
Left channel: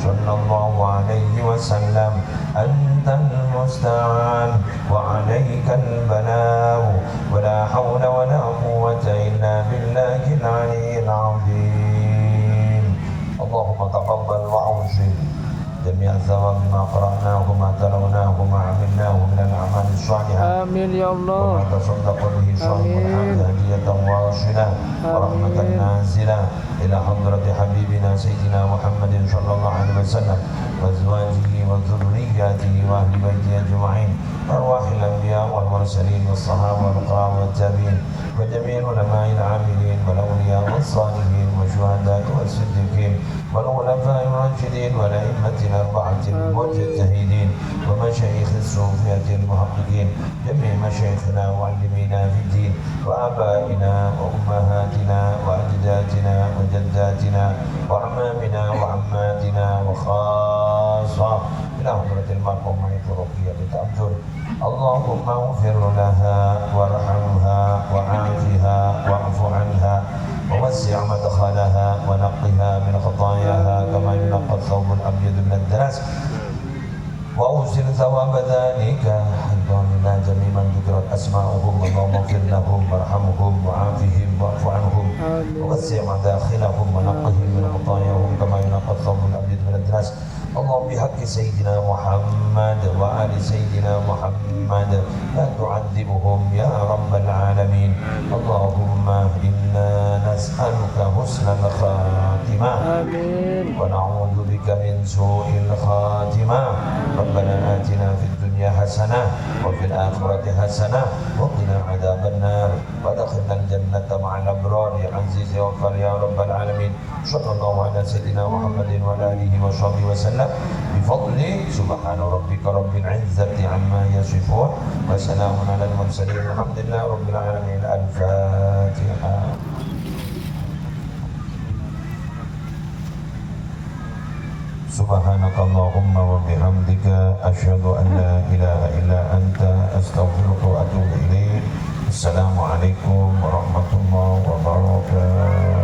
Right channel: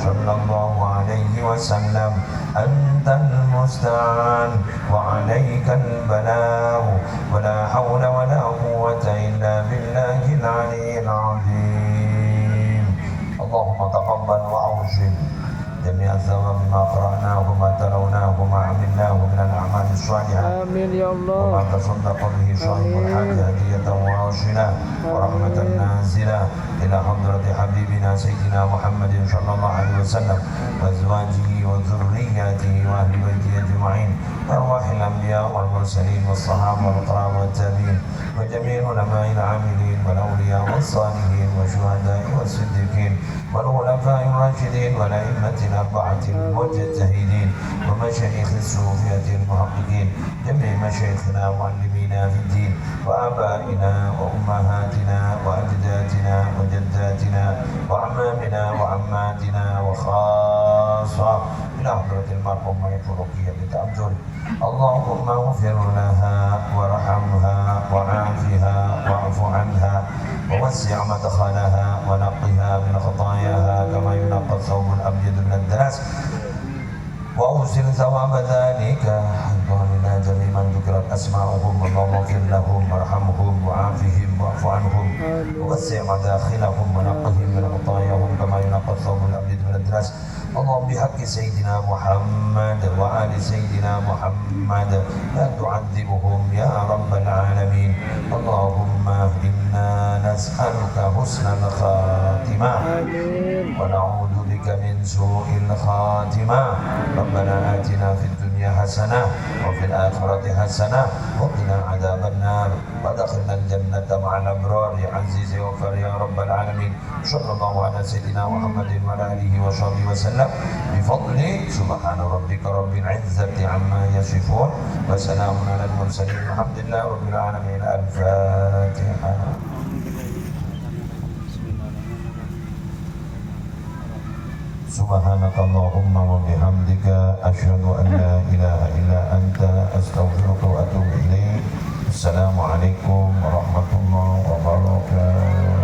صلى الله عليه وسلم. أنت المستعان وعليك البلاغ، ولا حول ولا قوة إلا بالله العلي العظيم. اللهم تقبل وأوصل جميع الثواب ما قرأناه وما تلوناه وما عملناه من الأعمال الصالحة. آمين يا الله. وما تصدق به صاحب الحج هدية واصلة ورحمة نازلة إلى حضرة حبيبنا سيدنا محمد صلى الله عليه وسلم وأزواجه وذرياته وأهل بيته أجمعين، أرواح الأنبياء والمرسلين والصحابة والقرابة والتابعين وجميع العلماء العاملين والأولياء والصالحين والشهداء والصديقين والخلفاء الراشدين والأئمة الأربعة المجتهدين ومشايخ الصوفية المحققين، جميع مشايخنا ومعلمينا في الدين وآبائنا وأمهاتنا وأجدادنا وجداتنا وأعمامنا وعماتنا وخاصة إلى حضرة المرحومة الرقية بتأمل. اللهم اغفر لها وارحمها وعافها واعف عنها ووسع مدخلها ونقها من خطاياها كما ينقى الثوب الأبيض من الدنس، وأوصل ثواب ذلك أيضا لنا جميع من ذكرت أسماؤهم. اللهم اغفر لهم وارحمهم وعافهم واعف عنهم ووسع مداخلهم ونقهم من خطاياهم كما ينقى الثوب الأبيض من الدنس. اللهم بحق سيدنا محمد وآل سيدنا محمد لا تعذبهم يا رب العالمين. اللهم إنا نسألك حسن الخاتمة ونعوذ بك من سوء الخاتمة. ربنا آتنا في الدنيا حسنة وفي الآخرة حسنة وقنا عذاب النار وادخلنا الجنة مع الأبرار يا عزيز يا غفار يا رب العالمين. صلى الله على سيدنا محمد وعلى آله وصحبه وسلم بفضل سبحان ربك رب العزة عما يصفون وسلام على المرسلين الحمد لله رب العالمين. الفاتحة. سبحانك اللهم وبحمدك أشهد أن لا إله إلا أنت أستغفرك وأتوب إليك. السلام عليكم ورحمة الله وبركاته.